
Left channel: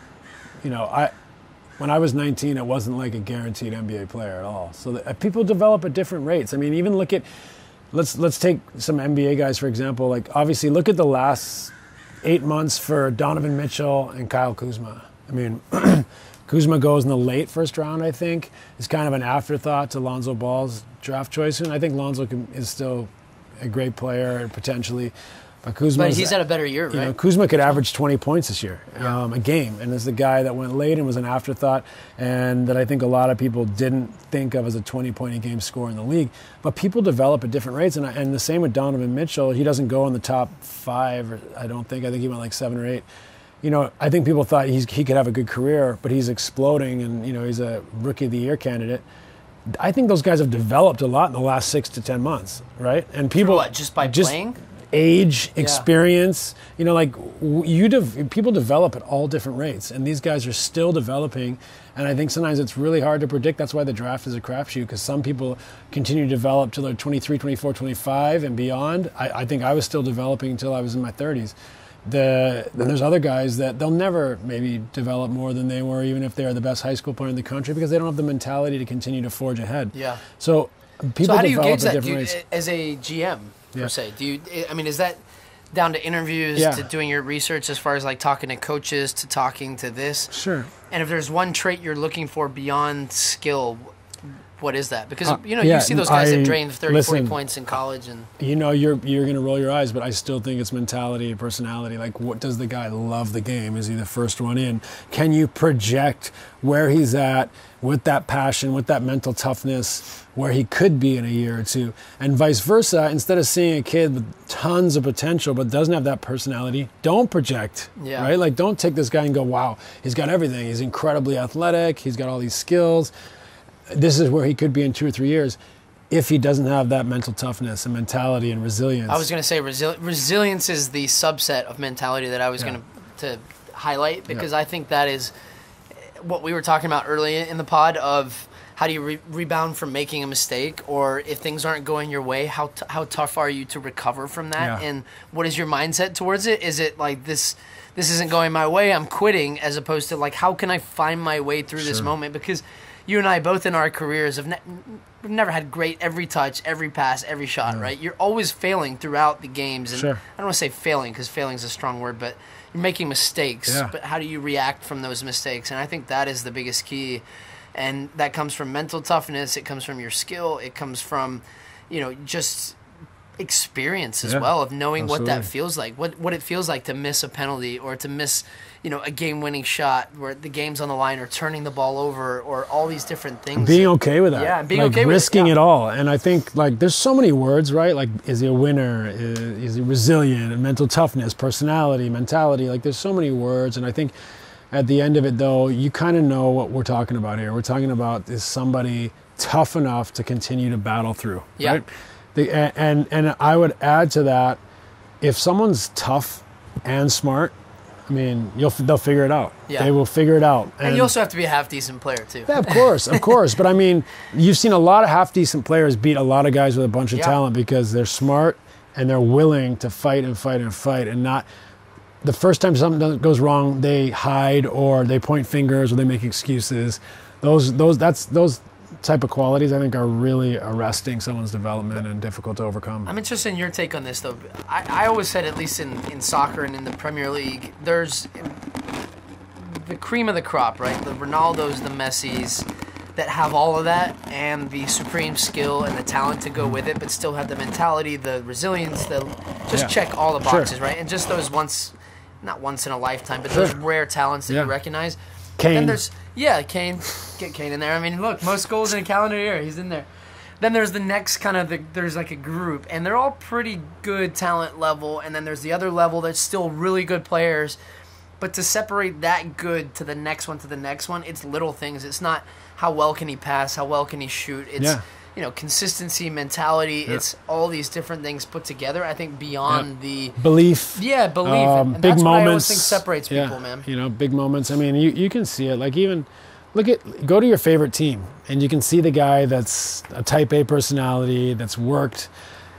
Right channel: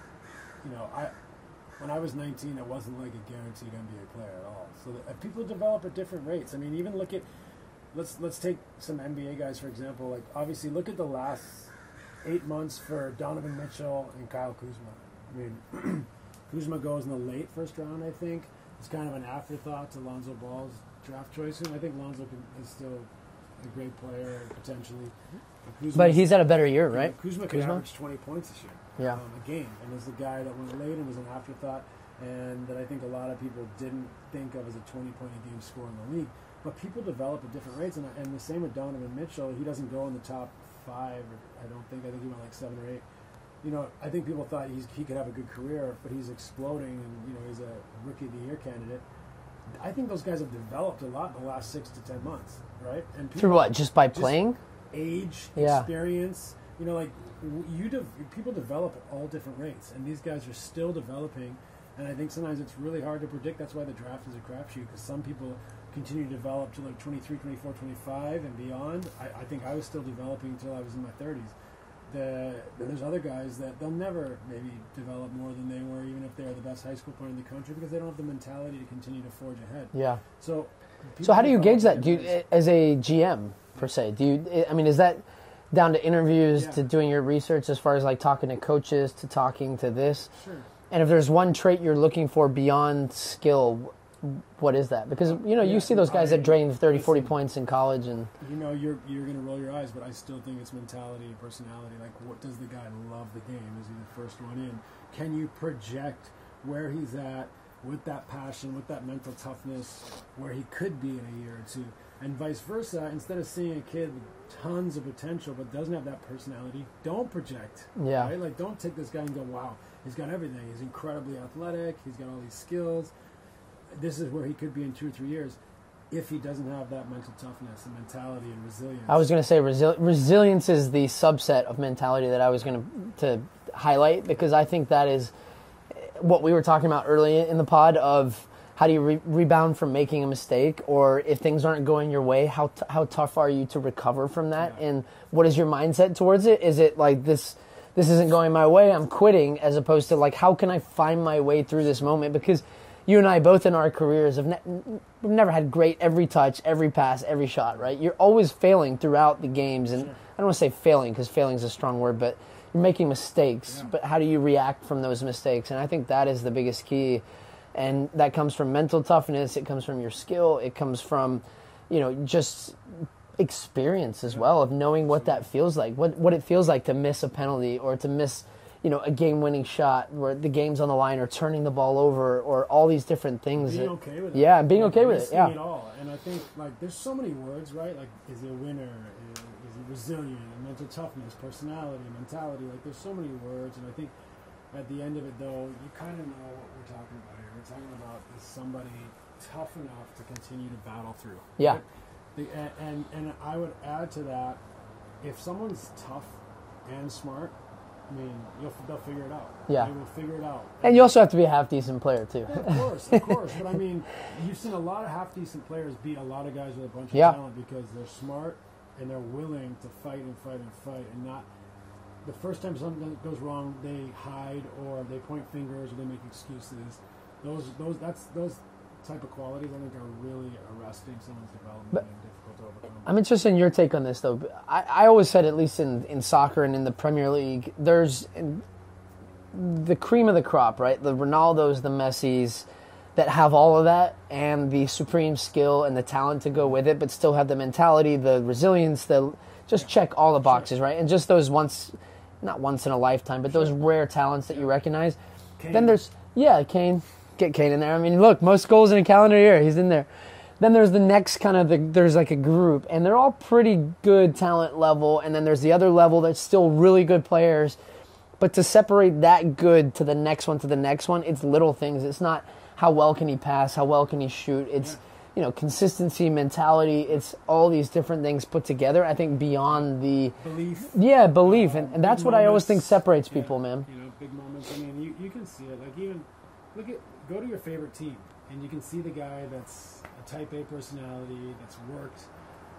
when I was 19, it wasn't like a guaranteed NBA player at all. So people develop at different rates. I mean, even look at, let's take some NBA guys, for example. Like, obviously, look at the last 8 months for Donovan Mitchell and Kyle Kuzma. I mean, Kuzma goes in the late first round, I think. It's kind of an afterthought to Lonzo Ball's draft choice. And I think Lonzo is still a great player, potentially. But he's had a better year, right? You know, Kuzma could average 20 points this year, a game. And is the guy that went late and was an afterthought, and that I think a lot of people didn't think of as a 20-point-a-game scorer in the league. But people develop at different rates. And the same with Donovan Mitchell. He doesn't go in the top 5, I don't think. I think he went like 7 or 8. You know, I think people thought he could have a good career, but he's exploding, and, you know, he's a Rookie of the Year candidate. I think those guys have developed a lot in the last 6 to 10 months, right? And people what, just by playing? Age, experience, you know, like people develop at all different rates, and these guys are still developing. And I think sometimes it's really hard to predict. That's why the draft is a crapshoot, because some people continue to develop till they're 23, 24, 25 and beyond. I think I was still developing until I was in my 30s. Then there's other guys that they'll never maybe develop more than they were, even if they are the best high school player in the country, because they don't have the mentality to continue to forge ahead. Yeah. So people. So how do you gauge that? Rates. As a GM, per se, I mean, is that down to interviews, to doing your research, as far as like talking to coaches, to talking to this? Sure. And if there's one trait you're looking for beyond skill, what is that? Because, you know, you see those guys that drain 30, 40 points in college. And you know, you're going to roll your eyes, but I still think it's mentality and personality. Like, what does the guy love the game? Is he the first one in? Can you project where he's at with that passion, with that mental toughness, where he could be in a year or two? And vice versa, instead of seeing a kid with tons of potential but doesn't have that personality, don't project, right? Like, don't take this guy and go, wow, he's got everything. He's incredibly athletic. He's got all these skills. This is where he could be in 2 or 3 years, if he doesn't have that mental toughness and mentality and resilience. I was going to say resilience is the subset of mentality that I was going to highlight, because I think that is what we were talking about earlier in the pod of how do you rebound from making a mistake, or if things aren't going your way, how tough are you to recover from that, and what is your mindset towards it? Is it like this isn't going my way, I'm quitting, as opposed to like, how can I find my way through this moment? Because you and I both in our careers have we've never had great every touch, every pass, every shot, right? You're always failing throughout the games. And I don't want to say failing, because failing is a strong word, but you're making mistakes. But how do you react from those mistakes? And I think that is the biggest key. And that comes from mental toughness. It comes from your skill. It comes from, you know, just experience as well, of knowing what that feels like, what it feels like to miss a penalty, or to miss, you know, a game-winning shot where the game's on the line, or turning the ball over, or all these different things. Being okay with that. Yeah, being like okay with risking it all. And I think, like, there's so many words, right? Like, is he a winner? Is he resilient? Mental toughness, personality, mentality. Like, there's so many words. And I think at the end of it, though, you kind of know what we're talking about here. We're talking about, is somebody tough enough to continue to battle through, right? And I would add to that, if someone's tough and smart, I mean, they'll figure it out. They will figure it out. And you also have to be a half-decent player, too. Yeah, of course. But, I mean, you've seen a lot of half-decent players beat a lot of guys with a bunch of talent, because they're smart and they're willing to fight and fight and fight, and not the first time something goes wrong, they hide, or they point fingers, or they make excuses. Those type of qualities, I think, are really arresting someone's development and difficult to overcome. I'm interested in your take on this, though. I always said, at least in soccer and in the Premier League, there's the cream of the crop, right? The Ronaldos, the Messis, that have all of that, and the supreme skill and the talent to go with it, but still have the mentality, the resilience, just check all the boxes, right? And just those not once in a lifetime, but those rare talents that you recognize. Kane. Then there's, Kane. Get Kane in there. I mean, look, most goals in a calendar year, he's in there. Then there's the next kind of, there's like a group, and they're all pretty good talent level, and then there's the other level that's still really good players. But to separate that good to the next one, it's little things. It's not how well can he pass, how well can he shoot. It's, you know, consistency, mentality. It's all these different things put together, I think, beyond the belief. Yeah, belief. And big that's moments, what I always think separates people, man. You know, big moments. I mean, you can see it. Like, even go to your favorite team, and you can see the guy that's a type A personality, that's worked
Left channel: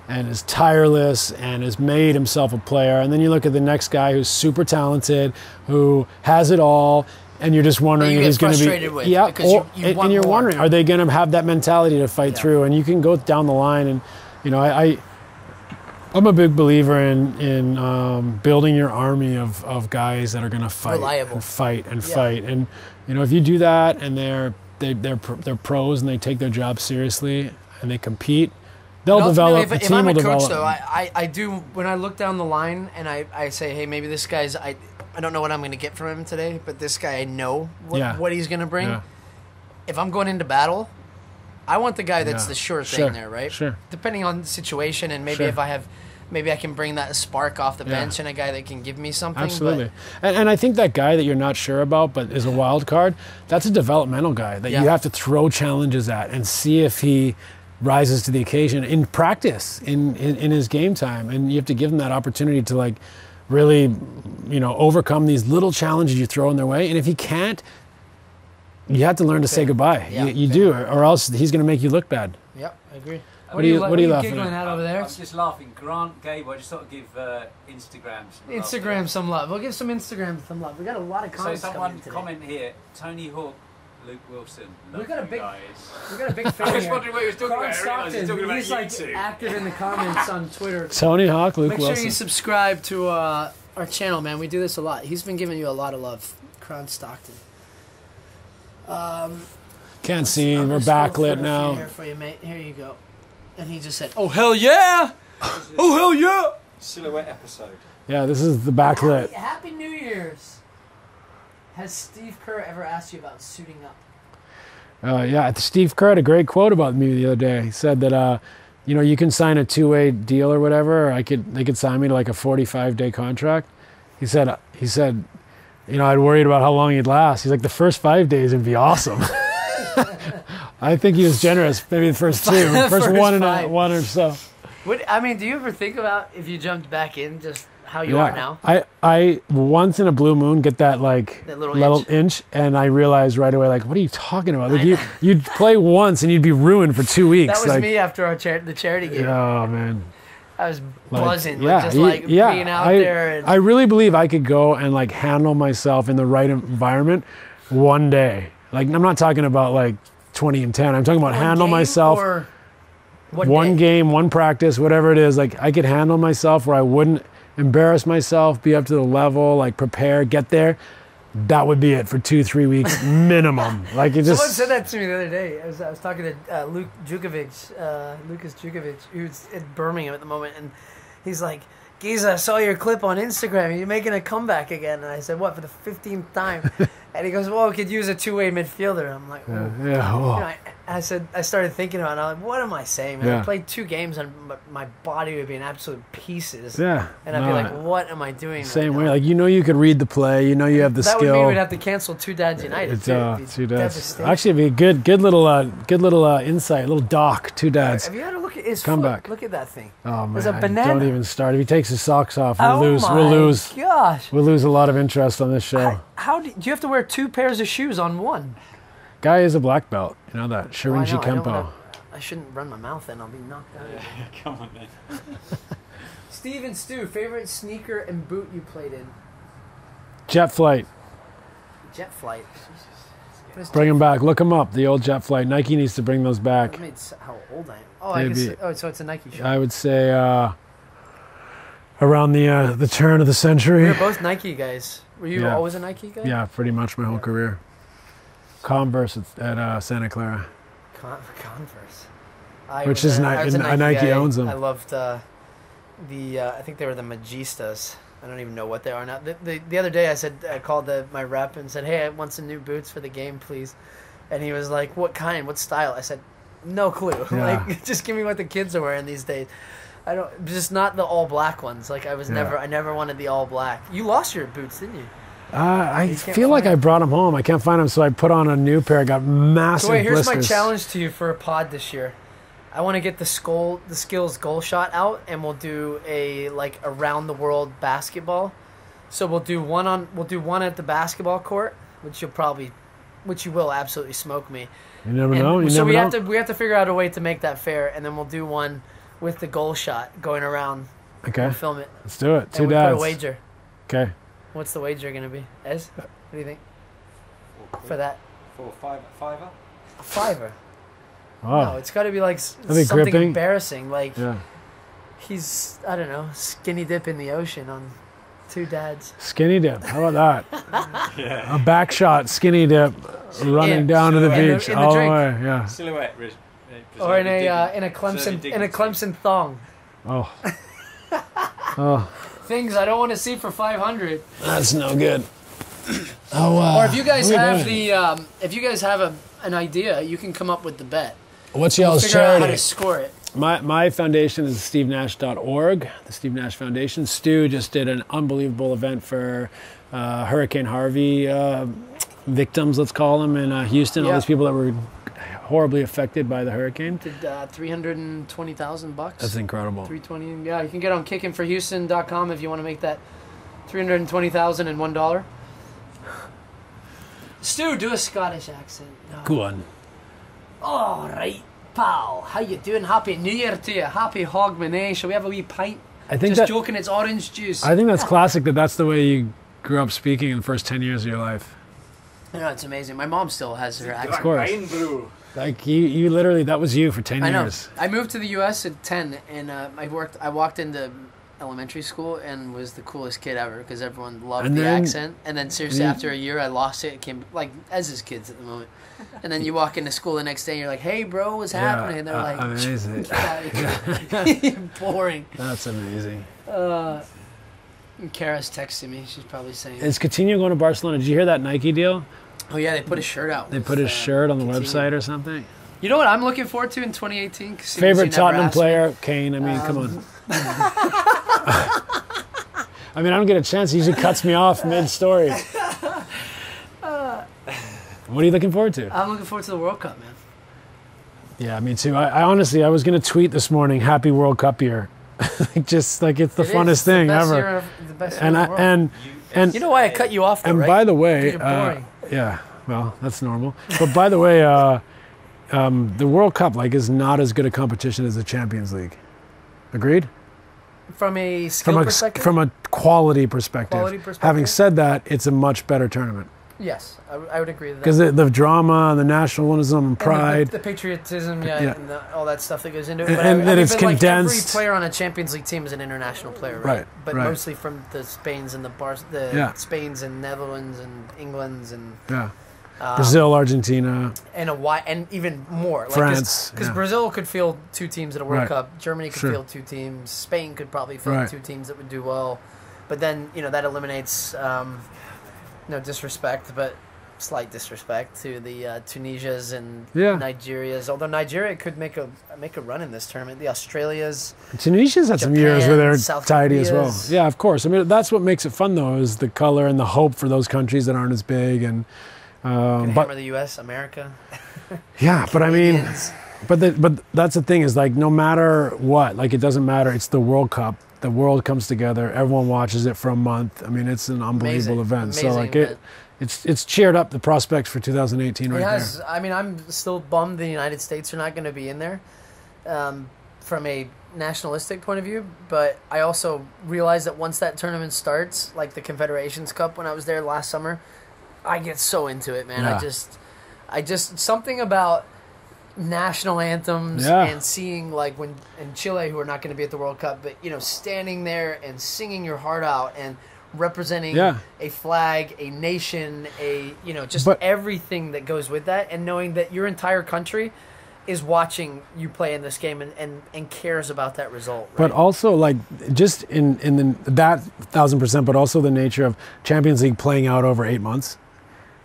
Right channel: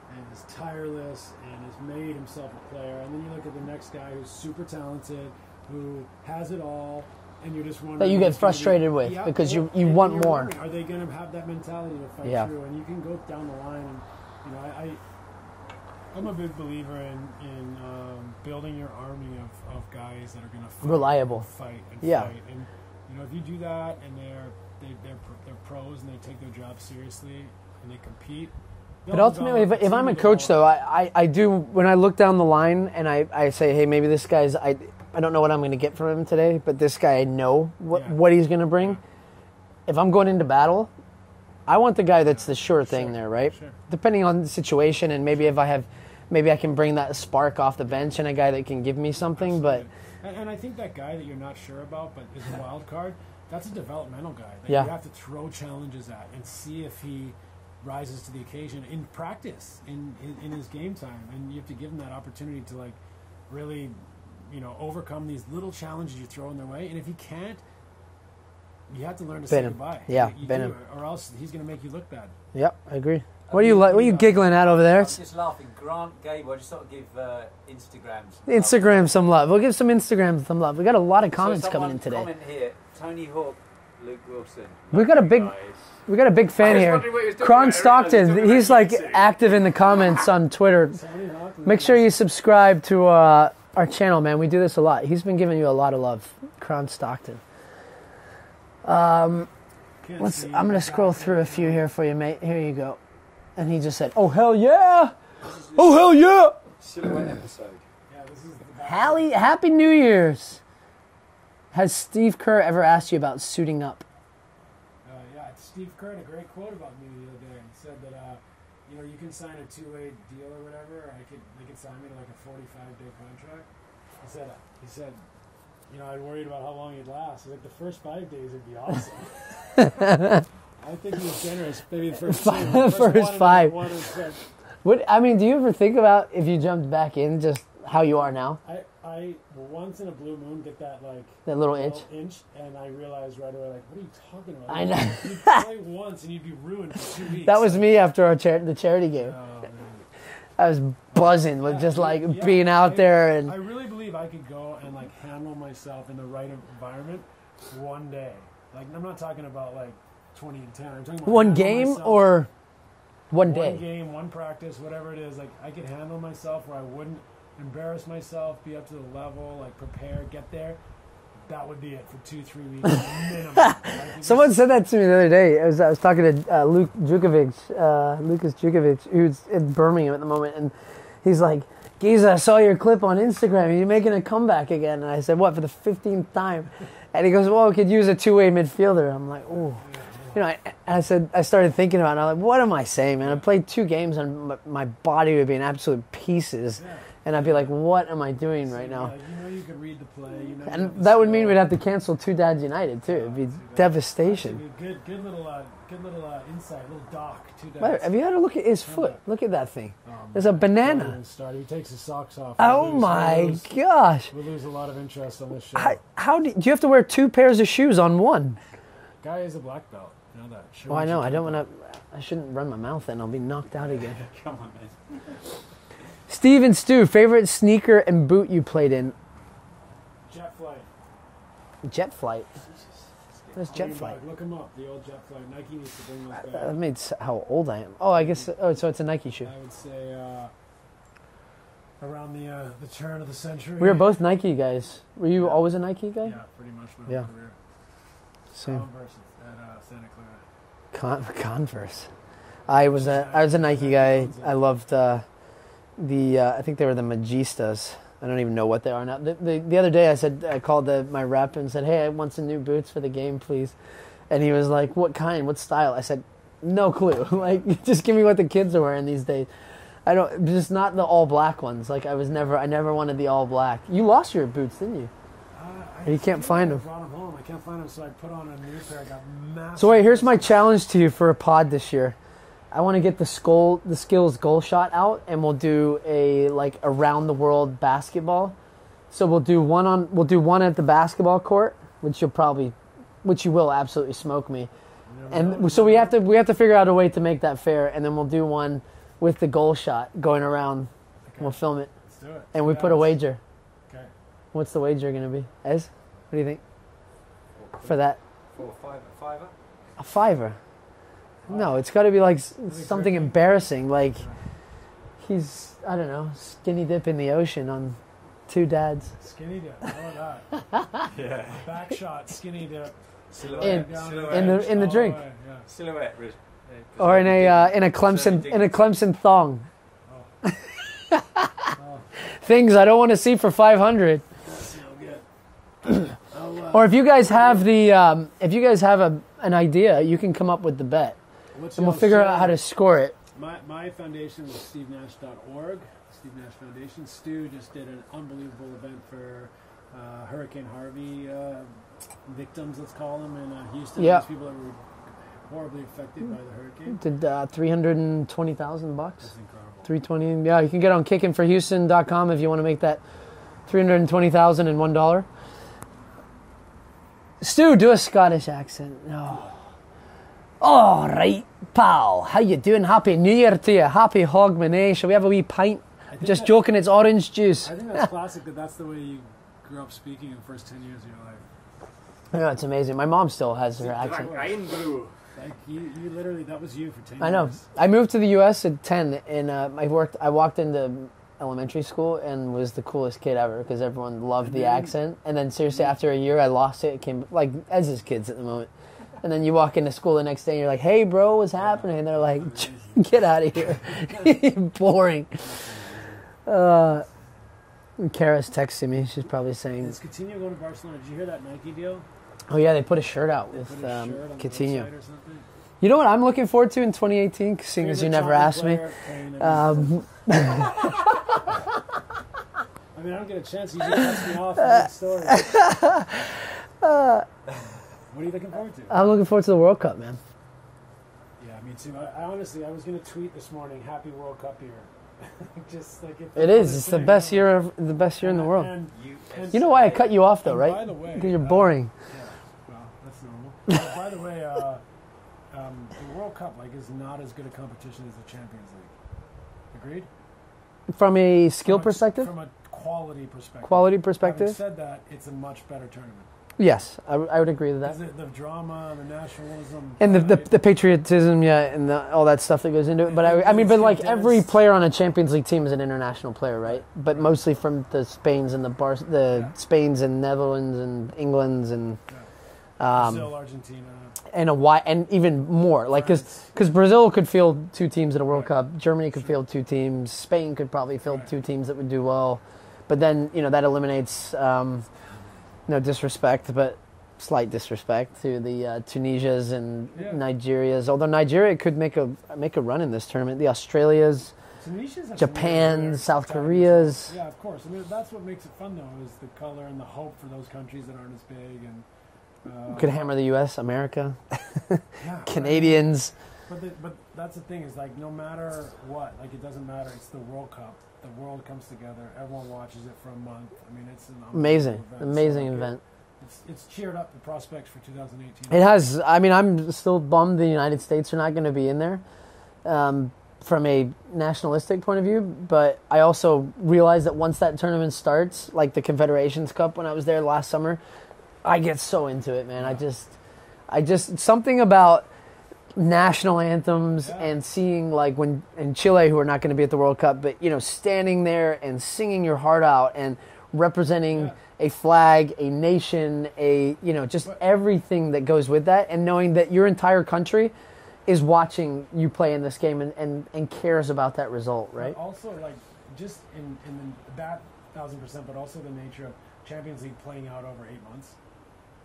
and is tireless and has made himself a player. And then you look at the next guy who's super talented, who has it all, and you're just wondering That you if get he's going to be frustrated with, because you and want you're more. wondering, are they going to have that mentality to fight Yeah. through? And you can go down the line, and I'm a big believer in building your army of guys that are going to fight Reliable. and fight and Yeah. fight. And if you do that, and they're pros and they take their job seriously and they compete, they'll And ultimately, develop. if I'm a coach, though, I do, when I look down the line and I say, hey, maybe this guy's, I don't know what I'm going to get from him today, but this guy, I know what he's going to bring. Yeah. If I'm going into battle, I want the guy that's Yeah. the sure thing there, right? Sure. Depending on the situation, and maybe Sure. maybe I can bring that spark off the bench and a guy that can give me something. Absolutely. And I think that guy that you're not sure about but is a wild card, that's a developmental guy that you have to throw challenges at and see if he rises to the occasion in practice, in his game time. And you have to give him that opportunity to, like, really, overcome these little challenges you throw in their way. And if he can't, you have to learn to say goodbye. Yeah, you fair. do, or else he's going to make you look bad. Yep, I agree. What What are you are you laughing giggling at? at over there? I'm just laughing. Grant, Gabe, I just thought I'd give Instagrams. Instagram some love. We'll give some Instagram some love. We got a lot of comments so coming in today. Comment here. Tony Hawk, Luke Wilson. We got a big, we got a big fan was here. wondering what he was talking Kron about. Stockton, I realised he was he's talking like about YouTube. active in the comments on Twitter. Tony Hawk, Luke Make sure you Wilson. subscribe to our channel, man. We do this a lot. He's been giving you a lot of love, Kron Stockton. Can't see. I'm We're gonna scroll through backlit a few now. here for you, mate. Here you go. And he just said, "Oh hell yeah! Oh hell yeah!" Silhouette episode. Yeah, this is the backlit. Happy New Year's. Has Steve Kerr ever asked you about suiting up? Yeah, Steve Curry had a great quote about me the other day. He said that, you can sign a two-way deal or whatever. Or they could sign me to like a 45-day contract. He said, I'd worried about how long he'd last. He's like, the first 5 days would be awesome. I think he was generous. Maybe the first two, first First one five. one or so. Do you ever think about if you jumped back in just how you are now? I once in a blue moon get that little inch, and I realized right away, like, what are you talking about? Like, you'd play once and you'd be ruined for 2 weeks. That was like, me after the charity game. Oh man. I was buzzing, Yeah, being out there. And I really believe I could go and like handle myself in the right environment one day. Like, I'm not talking about like 20 and 10. I'm talking about one handle game myself. or one day? Game, one practice, whatever it is. Like, I could handle myself where I wouldn't embarrass myself, be up to the level, like prepare, get there. That would be it for 2-3 weeks minimum. Like, it just. Someone said that to me the other day. I was talking to Lucas Jukovic, who's in Birmingham at the moment, and he's like, "Giza, I saw your clip on Instagram. You're making a comeback again." And I said, "What, for the 15th time?" And he goes, "Well, we could use a two-way midfielder." I'm like, "Oh." Yeah. Oh. I started thinking about it. I'm like, what am I saying, man? Yeah. I played 2 games and my body would be in absolute pieces. Yeah. And I'd be like, what am I doing Same right way. now? Like, you could read the play. You have the that skill. would mean we'd have to cancel 2 Dads United. It's, too. It'd be 2 dads. devastation. Actually, it'd be a good little insight, a little doc. 2 dads. Have you had a look at his Comeback. foot? Look at that thing. Oh man! There's a banana. Don't even start. If he takes his socks off, we'll Oh lose. my We'll lose. gosh. We'll lose a lot of interest on this show. How do you have to wear 2 pairs of shoes on one? Guy is a black belt. You know that. Oh, I Shirinji know, Kempo. I shouldn't run my mouth then. I'll be knocked out again. Come on, man. Steve and Stu, favorite sneaker and boot you played in? Jet Flight. Jet Flight. Bring them back. Look them up. The old Jet Flight. Nike needs to bring those back. That made how old I am. Oh, I Maybe. guess. Oh, so it's a Nike shoe. I would say around the turn of the century. We were both Nike guys. Were you Yeah. always a Nike guy? Yeah, pretty much my whole Yeah. career. Converse at Santa Clara. Converse. Which was is I was a Nike Nike guy. owns them. I loved I think they were the Magistas. I don't even know what they are now. The other day I called my rep and said, "Hey, I want some new boots for the game, please." And he was like, "What kind? What style?" I said, "No clue. Yeah. Like, just give me what the kids are wearing these days." Just not the all black ones. Like, I never wanted the all black. You lost your boots, didn't you? I You can't feel like find I them. brought them home. I can't find them, so I put on a new pair. I got massive So wait, here's my blisters. challenge to you for a pod this year. I want to get the skills goal shot out, and we'll do a around the world basketball. So we'll do one at the basketball court, which you will absolutely smoke me. You never know. So we have to figure out a way to make that fair, and then we'll do one with the goal shot going around. Okay. We'll film it, Let's do it. and we put a wager. Okay. What's the wager going to be? Ez, what do you think? for that? For a fiver? A fiver. Oh. No, it's got to be like they something gripping? embarrassing. Like Yeah. he's, I don't know, skinny dip in the ocean on two dads. Skinny dip. How about that? A back shot skinny dip running In- down to the in the- beach in the all the drink. way. Yeah. Silhouette. Or in a Clemson thong. Oh. Oh, Things I don't want to see for 500. that's no good. Or if you guys have doing? if you guys have an idea, you can come up with the bet. What's We'll y'all's figure out how charity? to score it. My foundation is stevenash.org, the Steve Nash Foundation. Stu just did an unbelievable event for Hurricane Harvey victims, let's call them, in Houston. All Yeah. these people that were horribly affected by the hurricane. Did $320,000. That's incredible. 320. Yeah, you can get on kickingforhouston.com if you want to make that $320,001. Stu, do a Scottish accent. Go on. All right, pal. How you doing? Happy New Year to you. Happy Hogmanay. Shall we have a wee pint? I think Just joking, it's orange juice. I think that's classic that's the way you grew up speaking in the first 10 years of your life. Yeah, it's amazing. My mom still has her accent. Of course. Like you literally, that was you for 10 I know. years. I moved to the U.S. at 10, and I walked into elementary school and was the coolest kid ever because everyone loved And the then- accent. And then seriously, after a year, I lost it. It came like as is kids at the moment. And then you walk into school the next day, and you're like, "Hey, bro, what's happening?" And they're like, amazing. "Get out of here, you're boring." That's amazing. Kara's texting me. She's probably saying, Is Coutinho going to Barcelona? Did you hear that Nike deal? "Oh yeah, they put a shirt out." They put his shirt on the Coutinho. website or something? You know what I'm looking forward to in 2018? Seeing as you Favorite never Tottenham asked me. player? Kane. I mean, come on. I mean, I don't get a chance. He usually cuts me off mid-story. What are you looking forward to? I'm looking forward to the World Cup, man. Yeah, me too. I honestly, I was going to tweet this morning, Happy World Cup year. Just like it's the It funnest is. It's thing the best ever. year of the best year and in the world. and You know why I cut you off, though, and right? by the way, You're boring. Yeah, well, that's normal. But by the way, the World Cup is not as good a competition as the Champions League. Agreed? From a skill perspective? From a quality perspective. Quality perspective? Having said that, it's a much better tournament. Yes, I would agree with that. Because the drama and the nationalism and pride. And the patriotism, and all that stuff that goes into it. But And I mean, it's but like every condensed. player on a Champions League team is an international player, right? Right, But right. mostly from the Spains and Yeah. Spains and Netherlands and Englands and Yeah. Brazil, Argentina. and even more. France, Because yeah. Brazil could field two teams in a World Right. Cup. Germany could Sure. field two teams. Spain could probably field Right. two teams that would do well. But then, that eliminates, no disrespect, but slight disrespect to the Tunisias and Yeah. Nigerias. Although Nigeria could make a run in this tournament. The Australias. Tunisia's had some Japan, years where they're South tidy as well. Korea's. Yeah, of course. I mean, that's what makes it fun, though, is the color and the hope for those countries that aren't as big. And Could but hammer the U.S., America, yeah, but I mean, Canadians. but that's the thing is no matter what, it doesn't matter. It's the World Cup. The world comes together. Everyone watches it for a month. I mean, it's an unbelievable event. Amazing So event. it's cheered up the prospects for 2018. It has. I mean, I'm still bummed the United States are not going to be in there from a nationalistic point of view. But I also realize that once that tournament starts, like the Confederations Cup when I was there last summer, I get so into it, man. Yeah. I just something about national anthems Yeah. and seeing when in Chile, who are not going to be at the World Cup, but standing there and singing your heart out and representing Yeah. a flag, a nation, just But- everything that goes with that, and knowing that your entire country is watching you play in this game and cares about that result. Right? But also, just in that 1,000%, but also the nature of Champions League playing out over 8 months,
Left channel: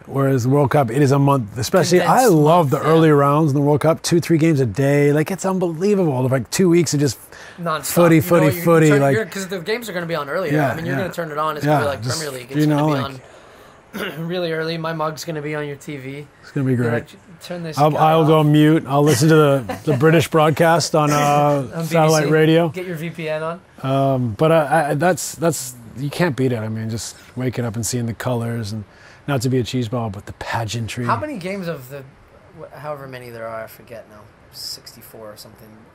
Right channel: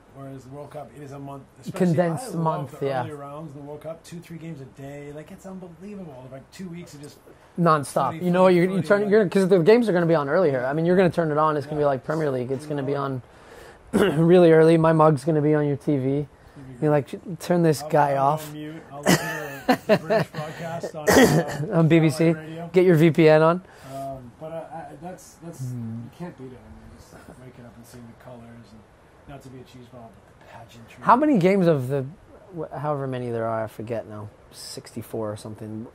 whereas the World Cup, it is a month. Especially, I Condensed love month, the early rounds in the World Cup, 2-3 games a day. It's unbelievable. 2 weeks of just non-stop. footy. Because the games are going to be on earlier. Yeah, I mean, you're yeah. going to turn it on. It's going to Yeah, be like just, Premier League. It's going to be on really early. My mug's going to be on your TV. It's gonna be You're great. like, turn this I'll guy go off. mute. I'll listen to the British broadcast on On satellite BBC. radio. Get your VPN on. But that's you can't beat it. I mean, just waking up and seeing the colors and not to be a cheeseball, but the pageantry. How many games of the, however many there are, I forget now, 64 or something.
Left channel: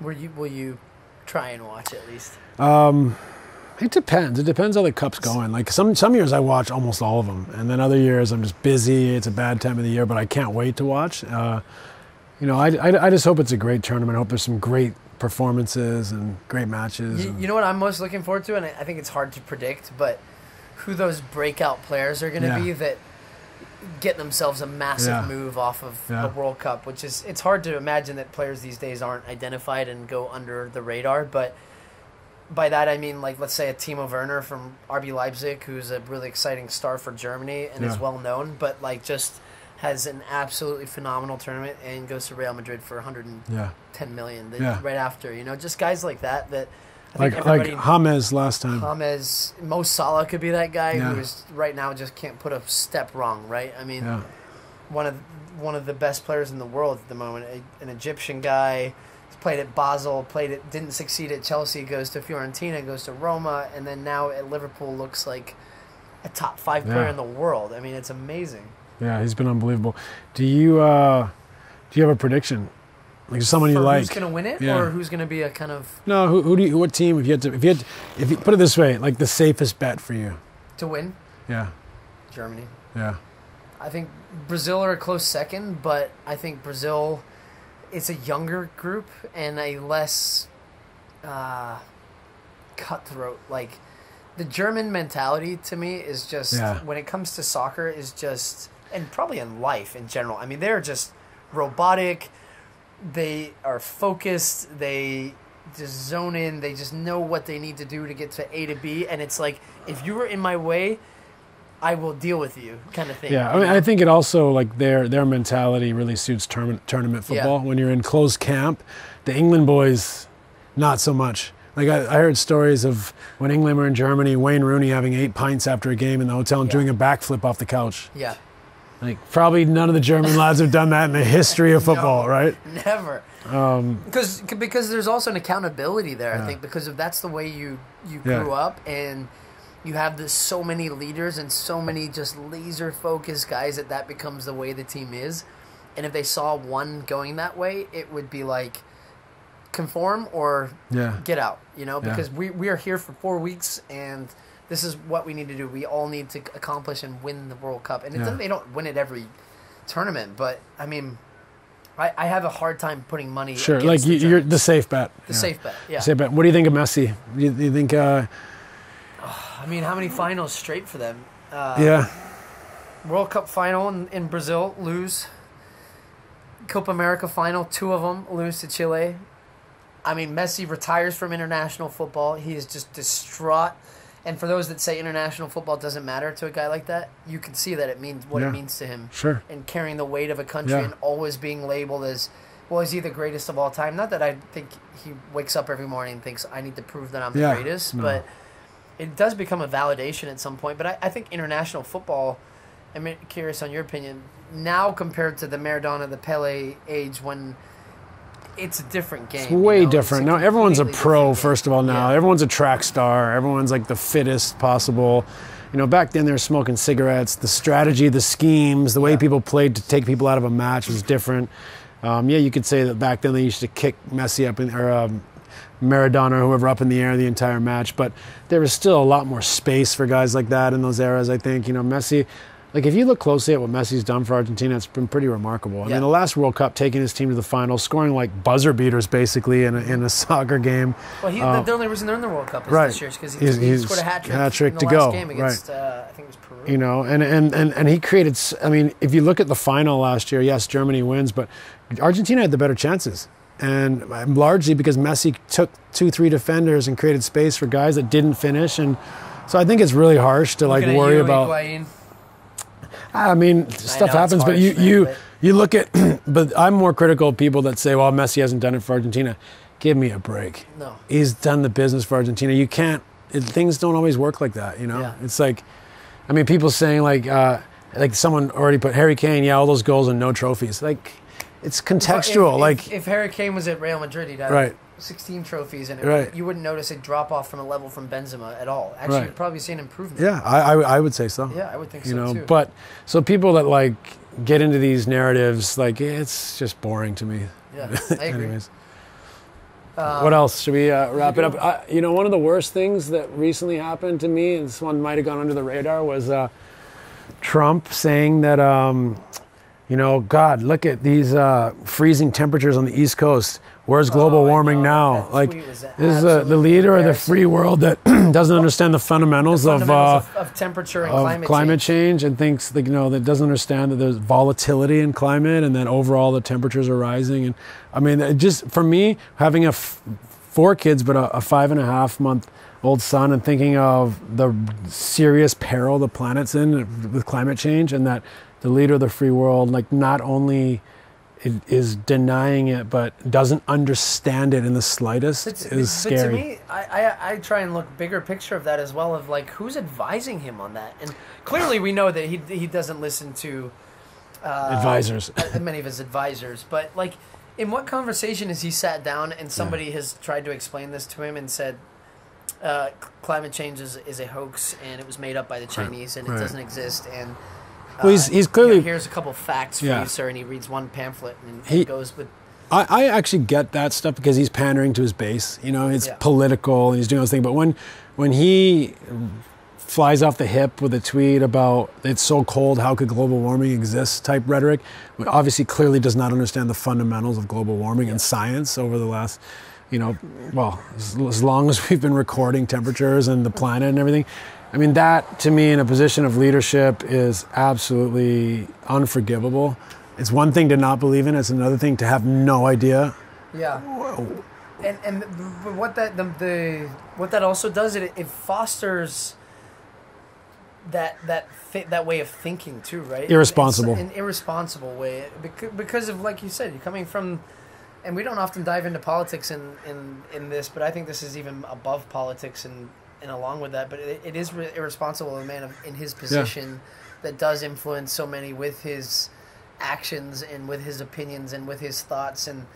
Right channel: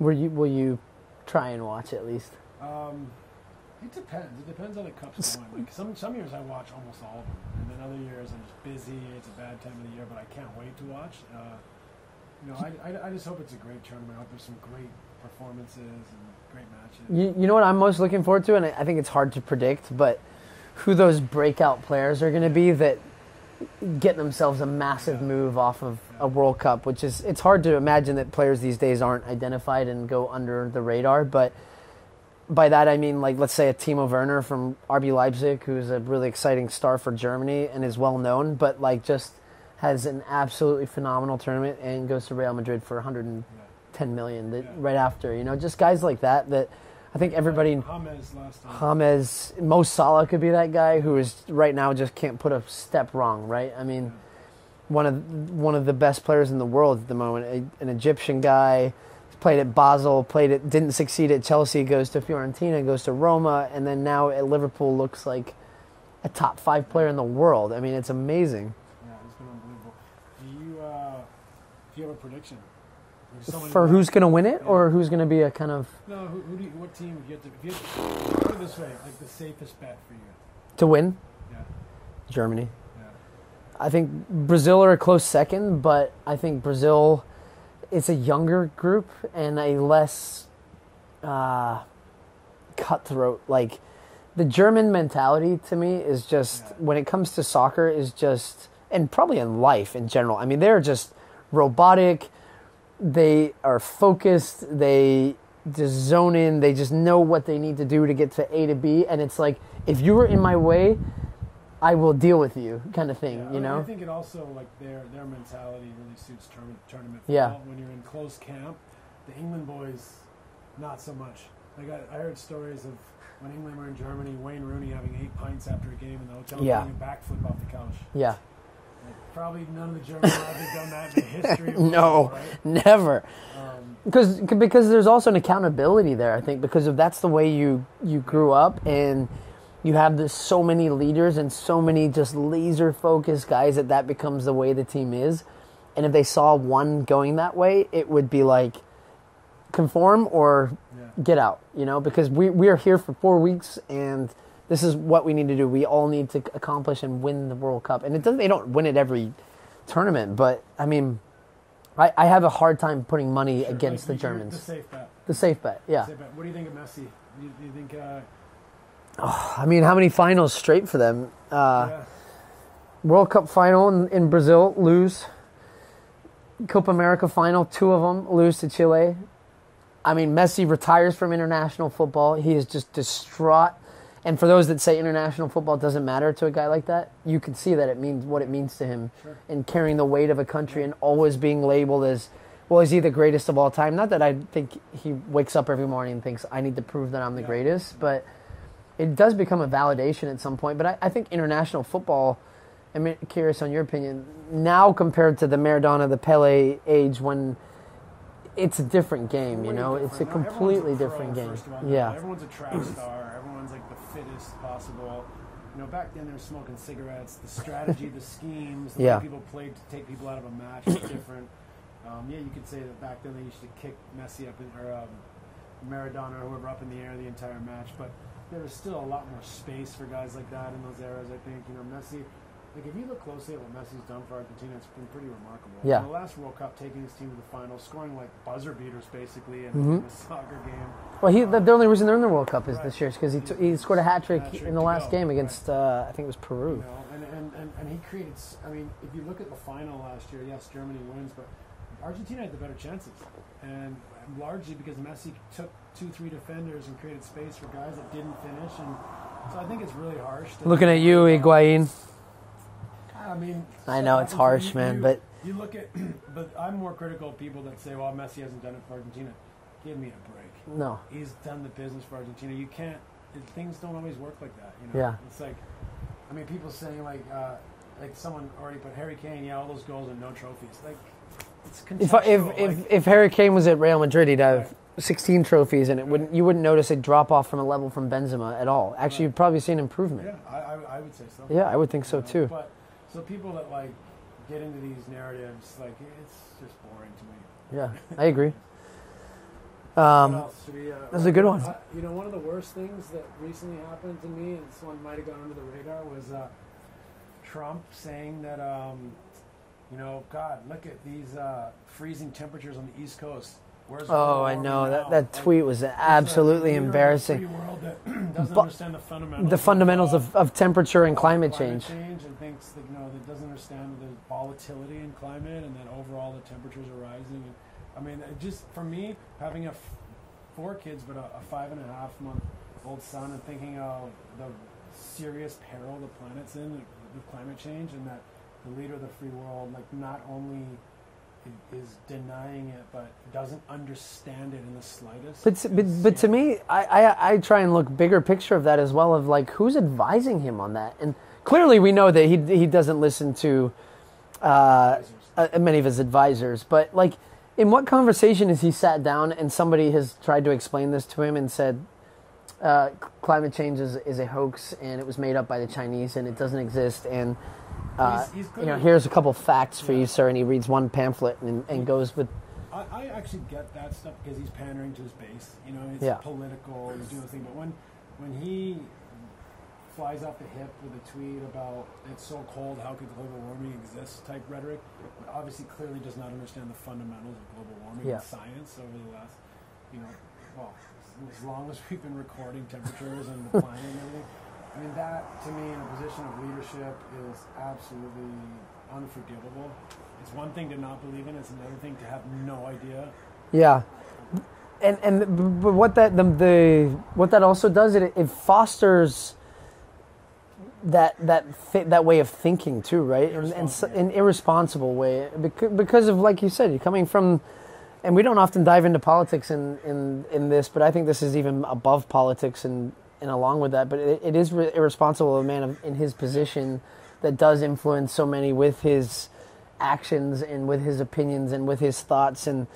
Will you try and watch at least? It depends. It depends how the cup's going. Like some years I watch almost all of them, and then other years I'm just busy. It's a bad time of the year, but I can't wait to watch. I just hope it's a great tournament. I hope there's some great performances and great matches. You know what I'm most looking forward to, and I think it's hard to predict, but who those breakout players are going to be that get themselves a massive move off of a World Cup, which is, it's hard to imagine that players these days aren't identified and go under the radar, but by that I mean, like, let's say a Timo Werner from RB Leipzig, who's a really exciting star for Germany and is well known, but like just has an absolutely phenomenal tournament and goes to Real Madrid for 110 million right after. You know, just guys like that I think everybody. Like James last time. James, Mo Salah could be that guy who is right now just can't put a step wrong, right? I mean, one of the best players in the world at the moment, an Egyptian guy. Played at Basel, didn't succeed at Chelsea, goes to Fiorentina, goes to Roma, and then now at Liverpool looks like a top 5 player in the world. I mean, it's amazing. Yeah, he's been unbelievable. Do you have a prediction? Like someone for you like? Who's going to win it, or who's going to be a kind of? No, what team? If you put it this way, like the safest bet for you to win? Yeah, Germany. Yeah, I think Brazil are a close second, but I think Brazil. It's a younger group and a less cutthroat. Like, the German mentality to me is just, when it comes to soccer, is just, and probably in life in general. I mean, they're just robotic. They are focused. They just zone in. They just know what they need to do to get to A to B. And it's like, if you were in my way, I will deal with you, kind of thing. Yeah, I think it also, like, their mentality really suits tournament football. When you're in closed camp, the England boys, not so much. Like, I heard stories of when England were in Germany, Wayne Rooney having 8 pints after a game in the hotel and doing a backflip off the couch. Yeah. Like, probably none of the German lads have done that in the history of football, right? Never. Because there's also an accountability there, I think, because that's the way you grew up, and you have so many leaders and so many just laser-focused guys that becomes the way the team is. And if they saw one going that way, it would be like, conform or get out, you know? Because we are here for 4 weeks, and this is what we need to do. We all need to accomplish and win the World Cup. And they don't win it every tournament, but, I mean, I have a hard time putting money against like the you're the safe bet. The safe bet, Safe bet. What do you think of Messi? Do you think... I mean, how many finals straight for them? World Cup final in Brazil, lose. Copa America final, 2 of them, lose to Chile. I mean, Messi retires from international football. He is just distraught. And for those that say international football doesn't matter to a guy like that, you can see that it means what it means to him. Sure. And carrying the weight of a country and always being labeled as, well, is he the greatest of all time? Not that I think he wakes up every morning and thinks, I need to prove that I'm the greatest, but it does become a validation at some point. But I think international football, I'm curious on your opinion, now compared to the Maradona, the Pele age, when it's a different game. It's way different. Now everyone's a pro, first of all, now. Yeah. Everyone's a track star. Everyone's like the fittest possible. You know, back then they were smoking cigarettes. The strategy, the schemes, the way people played to take people out of a match was different. You could say that back then they used to kick Messi up or Maradona or whoever up in the air the entire match, but there was still a lot more space for guys like that in those eras, I think. You know, Messi, like, if you look closely at what Messi's done for Argentina, it's been pretty remarkable. I mean, the last World Cup, taking his team to the final, scoring like buzzer beaters basically in a soccer game. Well, the only reason they're in the World Cup is this year, because he scored a hat trick in the last game against, I think it was Peru. You know, and he created, I mean, if you look at the final last year, yes, Germany wins, but Argentina had the better chances. And largely because Messi took 2-3 defenders and created space for guys that didn't finish. And so I think it's really harsh to worry about. Higuain. I mean, stuff happens, but you look at, but I'm more critical of people that say, well, Messi hasn't done it for Argentina. Give me a break. No. He's done the business for Argentina. You can't, things don't always work like that, you know? Yeah. It's like, I mean, people saying like someone already put Harry Kane, all those goals and no trophies. Like, it's contextual. If Harry Kane was at Real Madrid, he'd have 16 trophies, and you wouldn't notice a drop off from a level from Benzema at all. Actually, you'd probably see an improvement. Yeah, I would say so. Yeah, I would think so too. But so people that like get into these narratives, like, it's just boring to me. Yeah, I agree. What else? Should we wrap good it one. up? One of the worst things that recently happened to me, and this one might have gone under the radar, was Trump saying that, God, look at these freezing temperatures on the East Coast. Where's global warming now? That tweet was this absolutely the leader of the embarrassing. free world that doesn't understand the fundamentals, of temperature and climate change, and thinks that doesn't understand that there's volatility in climate and that overall the temperatures are rising. And I mean, it just for me, having 4 kids but a 5.5-month-old son, and thinking of the serious peril the planet's in with climate change, and that the leader of the free world, not only is denying it, but doesn't understand it in the slightest. Is scary. But to me, I try and look bigger picture of that as well, of who's advising him on that. And clearly we know that he doesn't listen to advisors, many of his advisors. But in what conversation has he sat down and somebody has tried to explain this to him and said, climate change is a hoax and it was made up by the Chinese and it doesn't exist, and well, he's clearly here's a couple facts for you, sir, and he reads one pamphlet and goes with. I actually get that stuff because he's pandering to his base. It's political and he's doing those things. But when he flies off the hip with a tweet about it's so cold, how could global warming exist type rhetoric, obviously clearly does not understand the fundamentals of global warming and science over the last, as long as we've been recording temperatures and the planet and everything. I mean, that, to me, in a position of leadership is absolutely unforgivable. It's one thing to not believe in it. It's another thing to have no idea. Yeah. But what that also does, it fosters that way of thinking too, right? Irresponsible. An irresponsible way. Because of, like you said, you're coming from, and we don't often dive into politics in this, but I think this is even above politics and along with that, but it is irresponsible of a man in his position that does influence so many with his actions and with his opinions and with his thoughts. And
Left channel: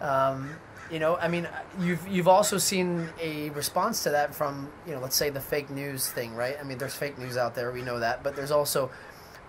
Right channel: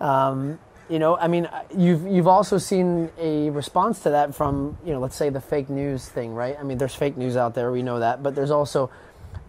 I mean, you've also seen a response to that from let's say the fake news thing, right? I mean, there's fake news out there, we know that, but there's also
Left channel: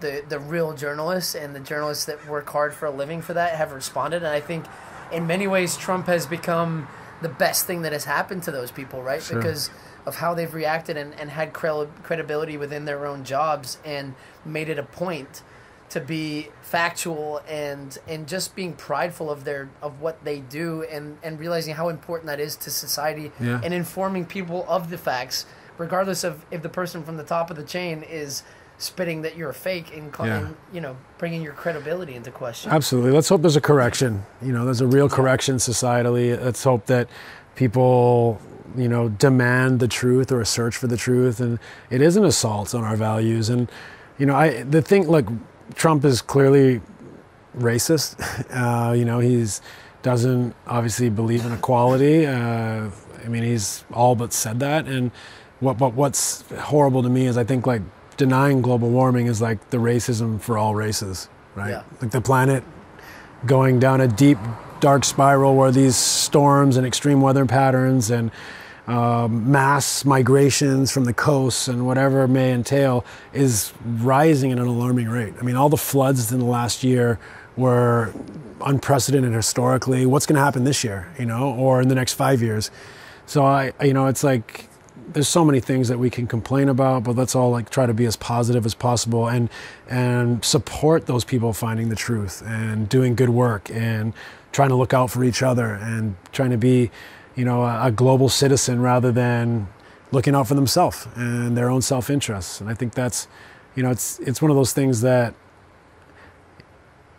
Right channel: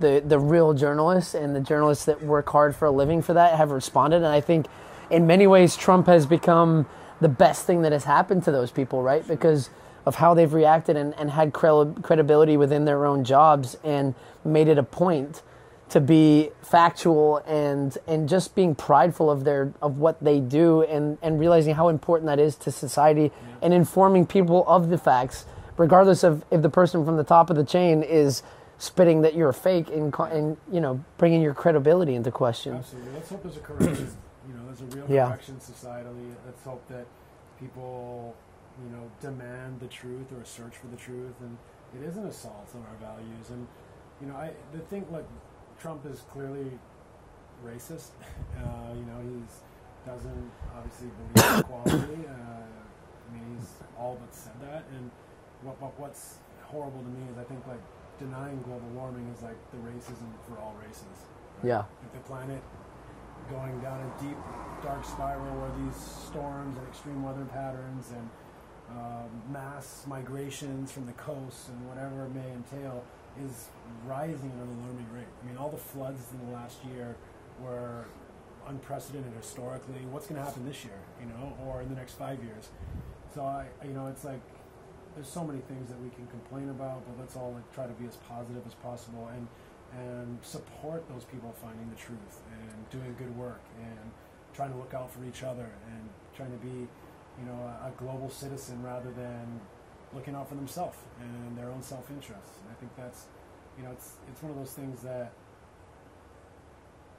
the real journalists, and the journalists that work hard for a living for that have responded. And I think in many ways Trump has become the best thing that has happened to those people, right? Sure. Because of how they've reacted and had credibility within their own jobs, and made it a point to be factual and just being prideful of what they do, and realizing how important that is to society, and informing people of the facts, regardless of if the person from the top of the chain is spitting that you're a fake and bringing your credibility into question. Absolutely. Let's hope there's a correction. There's a real correction societally. Let's hope that people demand the truth or a search for the truth, and it is an assault on our values. And Trump is clearly racist. He's doesn't obviously believe in equality. He's all but said that. And what's horrible to me is I think denying global warming is like the racism for all races, right? Yeah. Like the planet going down a deep, dark spiral where these storms and extreme weather patterns and mass migrations from the coasts and whatever it may entail is rising at an alarming rate. I mean, all the floods in the last year were unprecedented historically. What's going to happen this year, or in the next 5 years? So it's like there's so many things that we can complain about, but let's all try to be as positive as possible and support those people finding the truth and doing good work and trying to look out for each other and trying to be a global citizen rather than looking out for themselves and their own self-interests. And I think that's, it's one of those things that,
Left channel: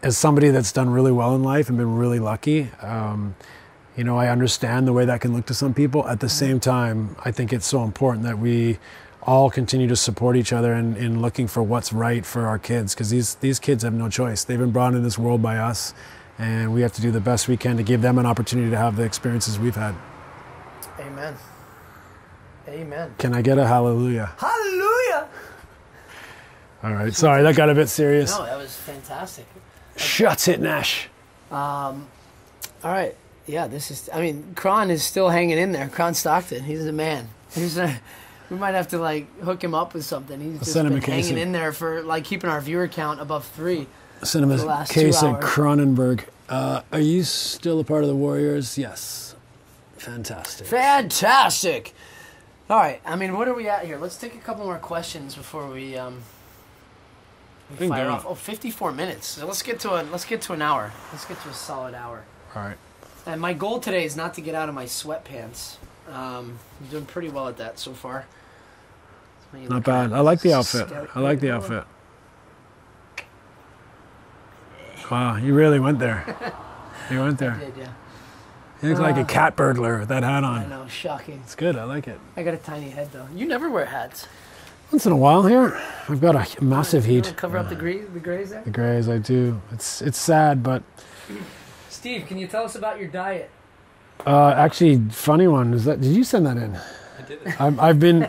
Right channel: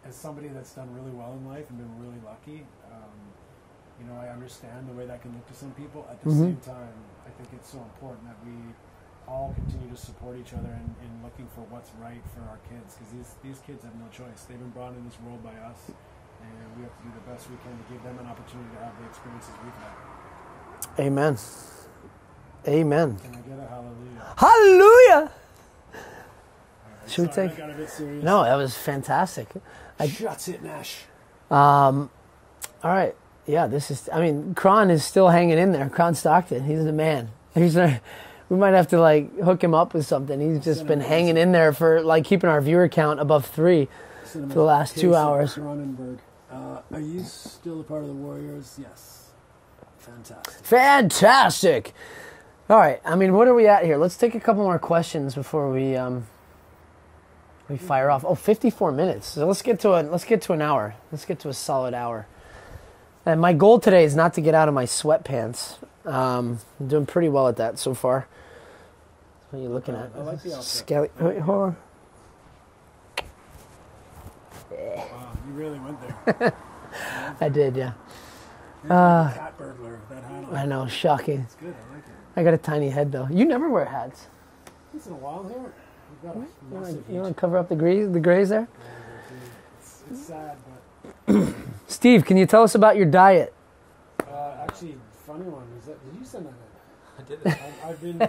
as somebody that's done really well in life and been really lucky, I understand the way that can look to some people. At the same time, I think it's so important that we all continue to support each other in looking for what's right for our kids, because these kids have no choice. They've been brought into this world by us, and we have to do the best we can to give them an opportunity to have the experiences we've had. Amen. Amen. Can I get a hallelujah? Hallelujah! All right. Sorry, that got a bit serious. No, that was fantastic. Shuts it, Nash. All right. Yeah, Kron is still hanging in there. Kron Stockton, he's the man. We might have to hook him up with something. He's just been hanging in there for keeping our viewer count above 3 for the last 2 hours. Cronenberg. Are you still a part of the Warriors? Yes. Fantastic. Fantastic. All right. I mean, what are we at here? Let's take a couple more questions before we fire off. Oh, 54 minutes. So let's get to an hour. Let's get to a solid hour. All right. And my goal today is not to get out of my sweatpants. I'm doing pretty well at that so far. Not bad. I like the outfit. I like the outfit. Wow, you really went there. You went there. I did, yeah. You look like a cat burglar with that hat on. I know, shocking. It's good. I like it. I got a tiny head, though. You never wear hats. Once in a while here, I've got a massive You heat. wanna cover up the grays there? The grays, I do. It's sad, but Steve, can you tell us about your diet? actually, funny one is that. Did you send that in? I did it.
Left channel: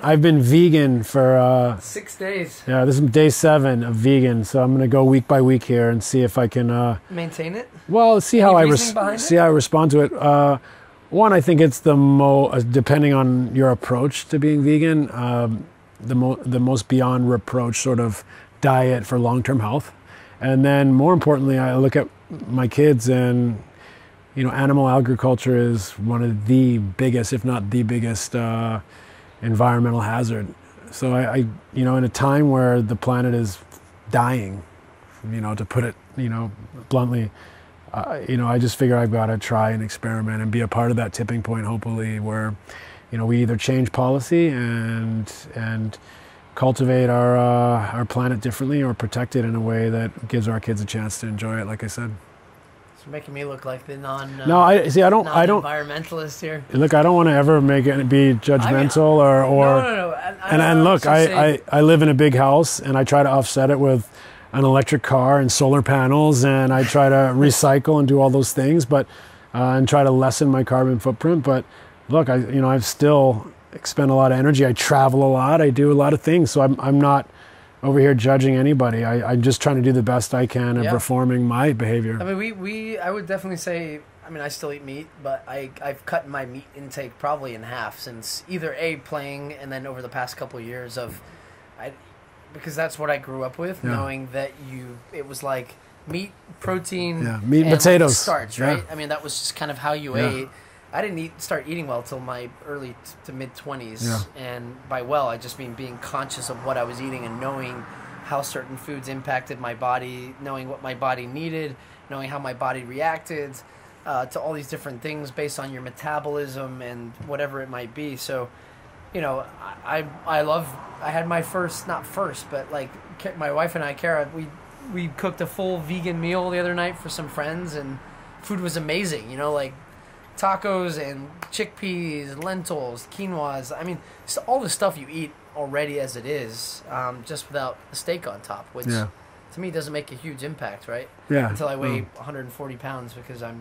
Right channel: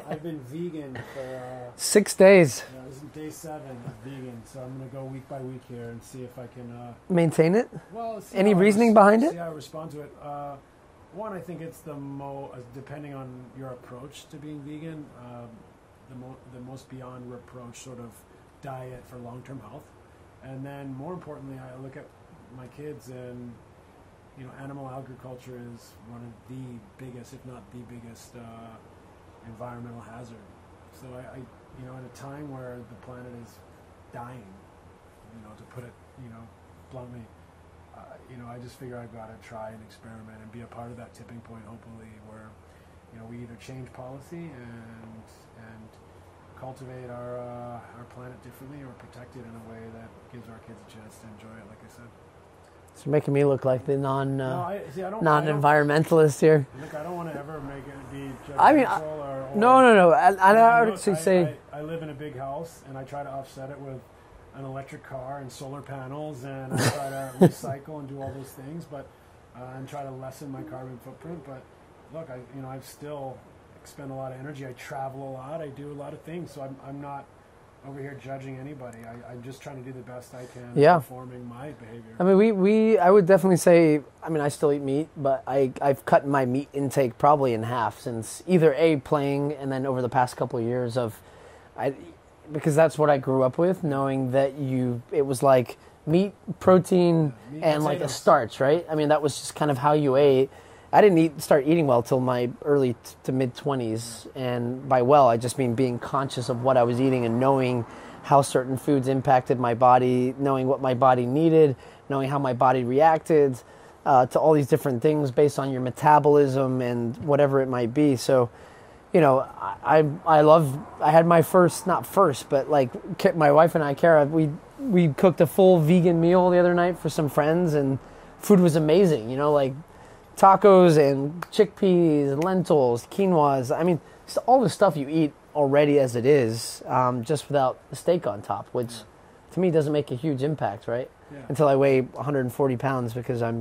I've been vegan for 6 days. yeah. This is day 7 of vegan, so I'm gonna go week by week here and see if I can. Maintain it? Well, see Any how reasoning behind it? see how I respond to it. One, I think it's depending on your approach to being vegan, the most beyond reproach sort of diet for long-term health. And then more importantly, I look at my kids and, animal agriculture is one of the biggest, if not the biggest, environmental hazard. So I in a time where the planet is dying, to put it, bluntly, I just figure I've got to try and experiment and be a part of that tipping point, hopefully, where, we either change policy and cultivate our planet differently, or protect it in a way that gives our kids a chance to enjoy it. Like I said. You're making me look like the non-environmentalist here. Look, I don't want to ever make it be judgmental or. No. And look, I live in a big house, and I try to offset it with an electric car and solar panels, and I try to recycle and do all those things, but and try to lessen my carbon footprint. But look, I've still expend a lot of energy. I travel a lot. I do a lot of things, so I'm not over here judging anybody. I'm just trying to do the best I can in reforming my behavior. I mean, I would definitely say, I still eat meat, but I've cut my meat intake probably in half since either playing, and then over the past couple of years because that's what I grew up with, knowing that it was like meat, protein, meat, and potatoes, like starch, right? Yeah. That was just kind of how you ate. I didn't start eating well till my early to mid 20s, and by I just mean being conscious of what I was eating and knowing how certain foods impacted my body, knowing what my body needed, knowing how my body reacted to all these different things based on your metabolism and whatever it might be. So, I had my not first, but like my wife and I, Kara, we cooked a full vegan meal the other night for some friends, and food was amazing. Like tacos and chickpeas, lentils, quinoas. Just all the stuff you eat already as it is, just without a steak on top, which to me doesn't make a huge impact, right? Yeah. Until I weigh 140 pounds, because I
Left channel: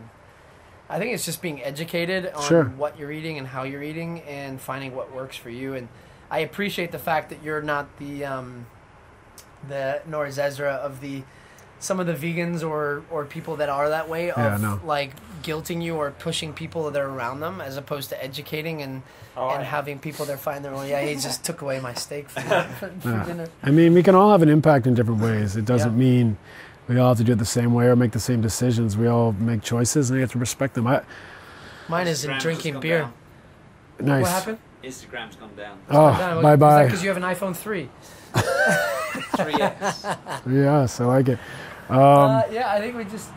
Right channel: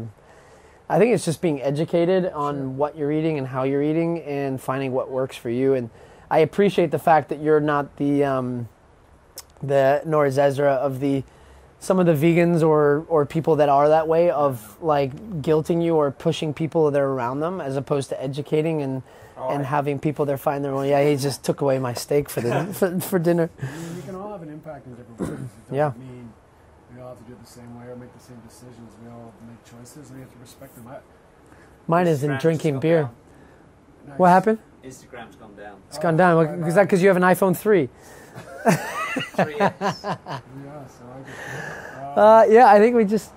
think it's just being educated on what you're eating and how you're eating and finding what works for you. And I appreciate the fact that you're not the Nora Zezra of some of the vegans or people that are that way like guilting you or pushing people that are around them, as opposed to educating and having people there find their way. Yeah, he just took away my steak for dinner. We can all have an impact in different ways. It doesn't mean we all have to do it the same way or make the same decisions. We all make choices, and you have to respect them. Mine is in drinking beer. Nice. What happened? Instagram's gone down. It's gone down. Bye-bye. Is that because you have an iPhone 3? 3X. Yes, I like it. I think we just...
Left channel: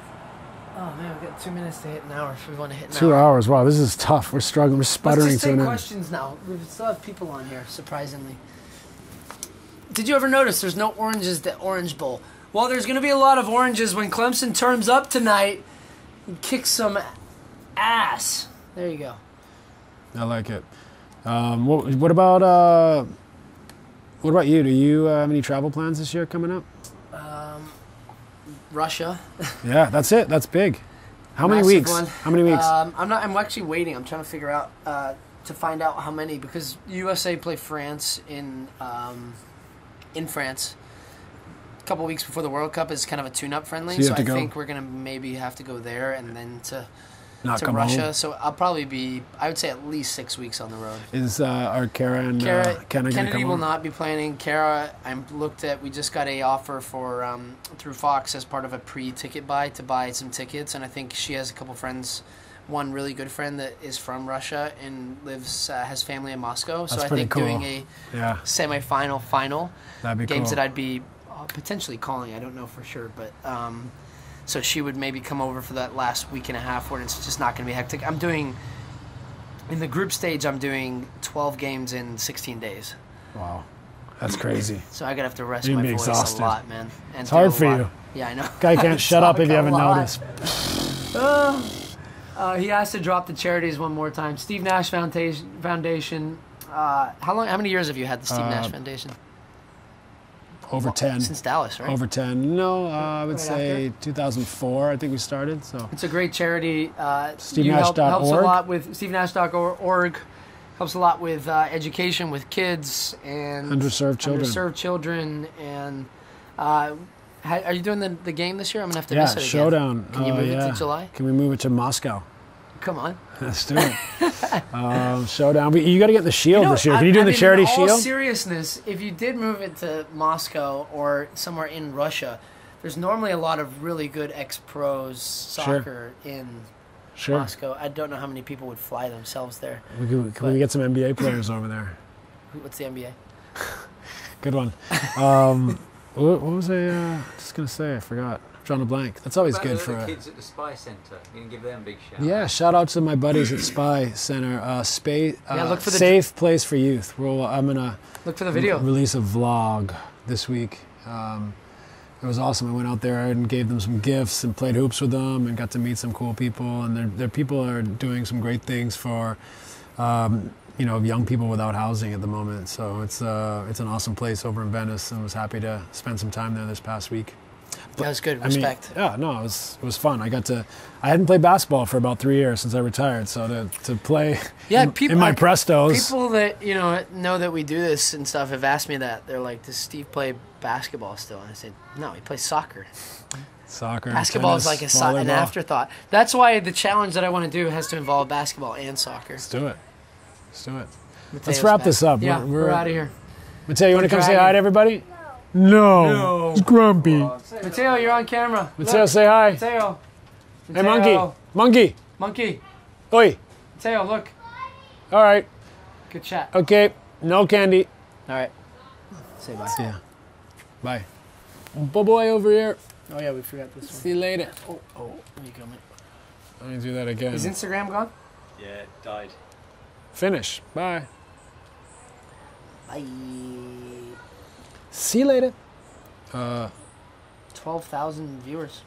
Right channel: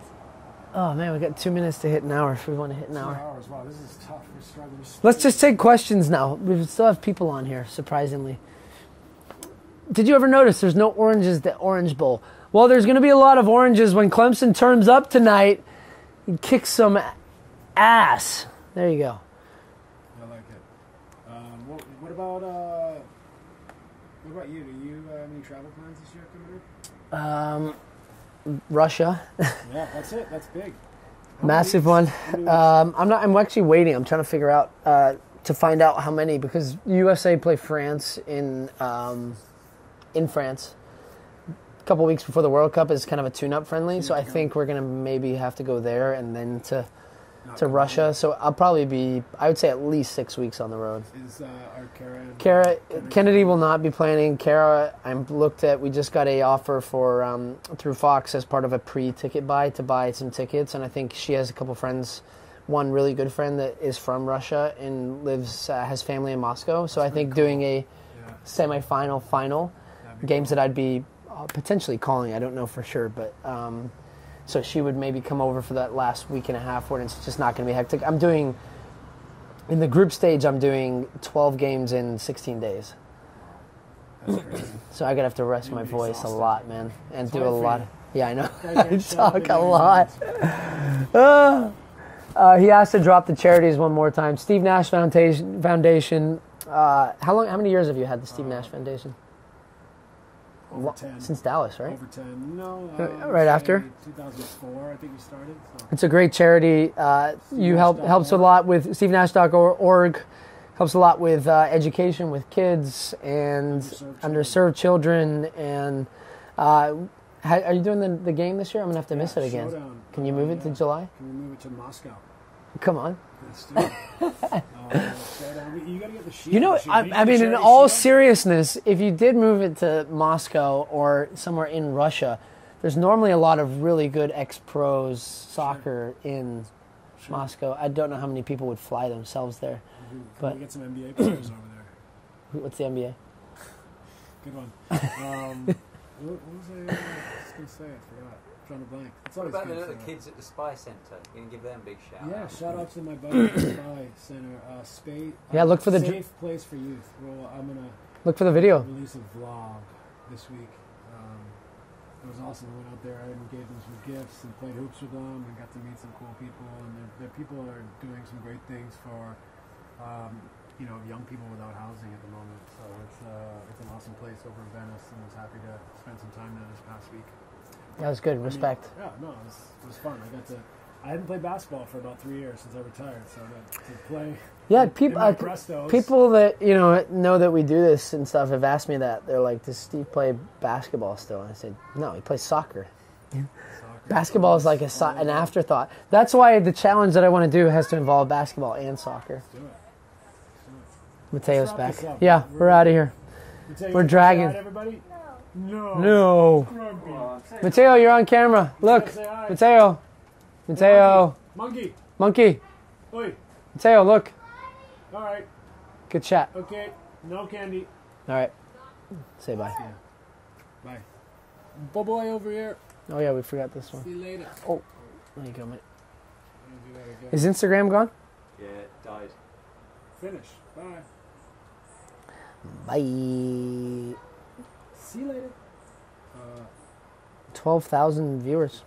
Oh, man, we've got 2 minutes to hit an hour if we want to hit an 2 hours. Wow, this is tough. We're struggling. We're sputtering. Let's just take questions now. We still have people on here, surprisingly. Did you ever notice there's no oranges at the Orange Bowl? Well, there's going to be a lot of oranges when Clemson turns up tonight and kicks some ass. There you go. I like it. What about you? Do you have any travel plans this year coming up? Russia. Yeah, that's it. That's big. How Massive many weeks? one. How many weeks? I'm actually waiting. I'm trying to figure out to find out how many, because USA play France in France a couple weeks before the World Cup is kind of a tune-up friendly. So I think we're gonna maybe have to go there and then to Russia. Home. So I'll probably be, I would say, at least 6 weeks on the road. Is our Kara and Kennedy will not be planning. Kara, we just got a offer through Fox as part of a pre-ticket buy to buy some tickets, and I think she has a couple friends one really good friend that is from Russia and lives has family in Moscow. So That's I pretty think cool. doing a Yeah, semifinal, final that'd be games cool. that I'd be potentially calling. I don't know for sure, but so she would maybe come over for that last week and a half where it's just not going to be hectic. I'm doing in the group stage. I'm doing 12 games in 16 days. Wow, that's crazy. So I gotta have to rest You'd my be voice exhausted. a lot, man. And It's do hard a for lot. you. Yeah, I know. Guy can't shut up if you haven't noticed. He has to drop the charities one more time. Steve Nash Foundation. How many years have you had the Steve Nash Foundation? Over 10. Since Dallas, right? Over 10. No, I would Right say after? 2004. I think we started. So It's a great charity. Helps a lot with SteveNash.org. Helps a lot with education with kids and Underserved children. And are you doing the game this year? I'm gonna have to miss it again. Showdown. Can you move it to July? Can we move it to Moscow? Come on. Let's do it. Showdown. But you got to get the shield this year. Can you do the in charity all shield? seriousness, if you did move it to Moscow or somewhere in Russia, there's normally a lot of really good ex-pros soccer in Moscow. I don't know how many people would fly themselves there. Can we get some NBA players over there? What's the NBA? Good one. What was I just going to say? I forgot. Drawing a blank. That's always good for the kids at the Spy Centre. You can give them a big shout. Yeah, shout out to my buddies at Spy Center. Look for the safe place for youth. I'm gonna look for the video. Release a vlog this week. It was awesome. I went out there and gave them some gifts and played hoops with them and got to meet some cool people. And their people are doing some great things for young people without housing at the moment. So it's an awesome place over in Venice, and was happy to spend some time there this past week. That was good. Respect. It was fun. I hadn't played basketball for about 3 years since I retired, so to play in my Prestos. People that know that we do this and stuff have asked me that. They're like, "Does Steve play basketball still?" And I said, "No, he plays soccer." Soccer. Basketball is tennis, like an afterthought. That's why the challenge that I want to do has to involve basketball and soccer. Let's do it. Mateo's Let's wrap this up. Yeah, we're out of here. Mateo, you want to come say hi to everybody? No. He's grumpy. Mateo, you're on camera. Mateo, Look. say hi. Mateo. Hey, monkey. Monkey. Oi. Mateo, look. All right. Good chat. Okay. No candy. All right. Say bye. See ya. Bye. Boy over here. Oh, yeah, we forgot this one. See you later. Oh, there you go, mate. I'm going to do that again. Is Instagram gone? Yeah, it died. Finish. Bye. Bye. See you later. 12,000 viewers.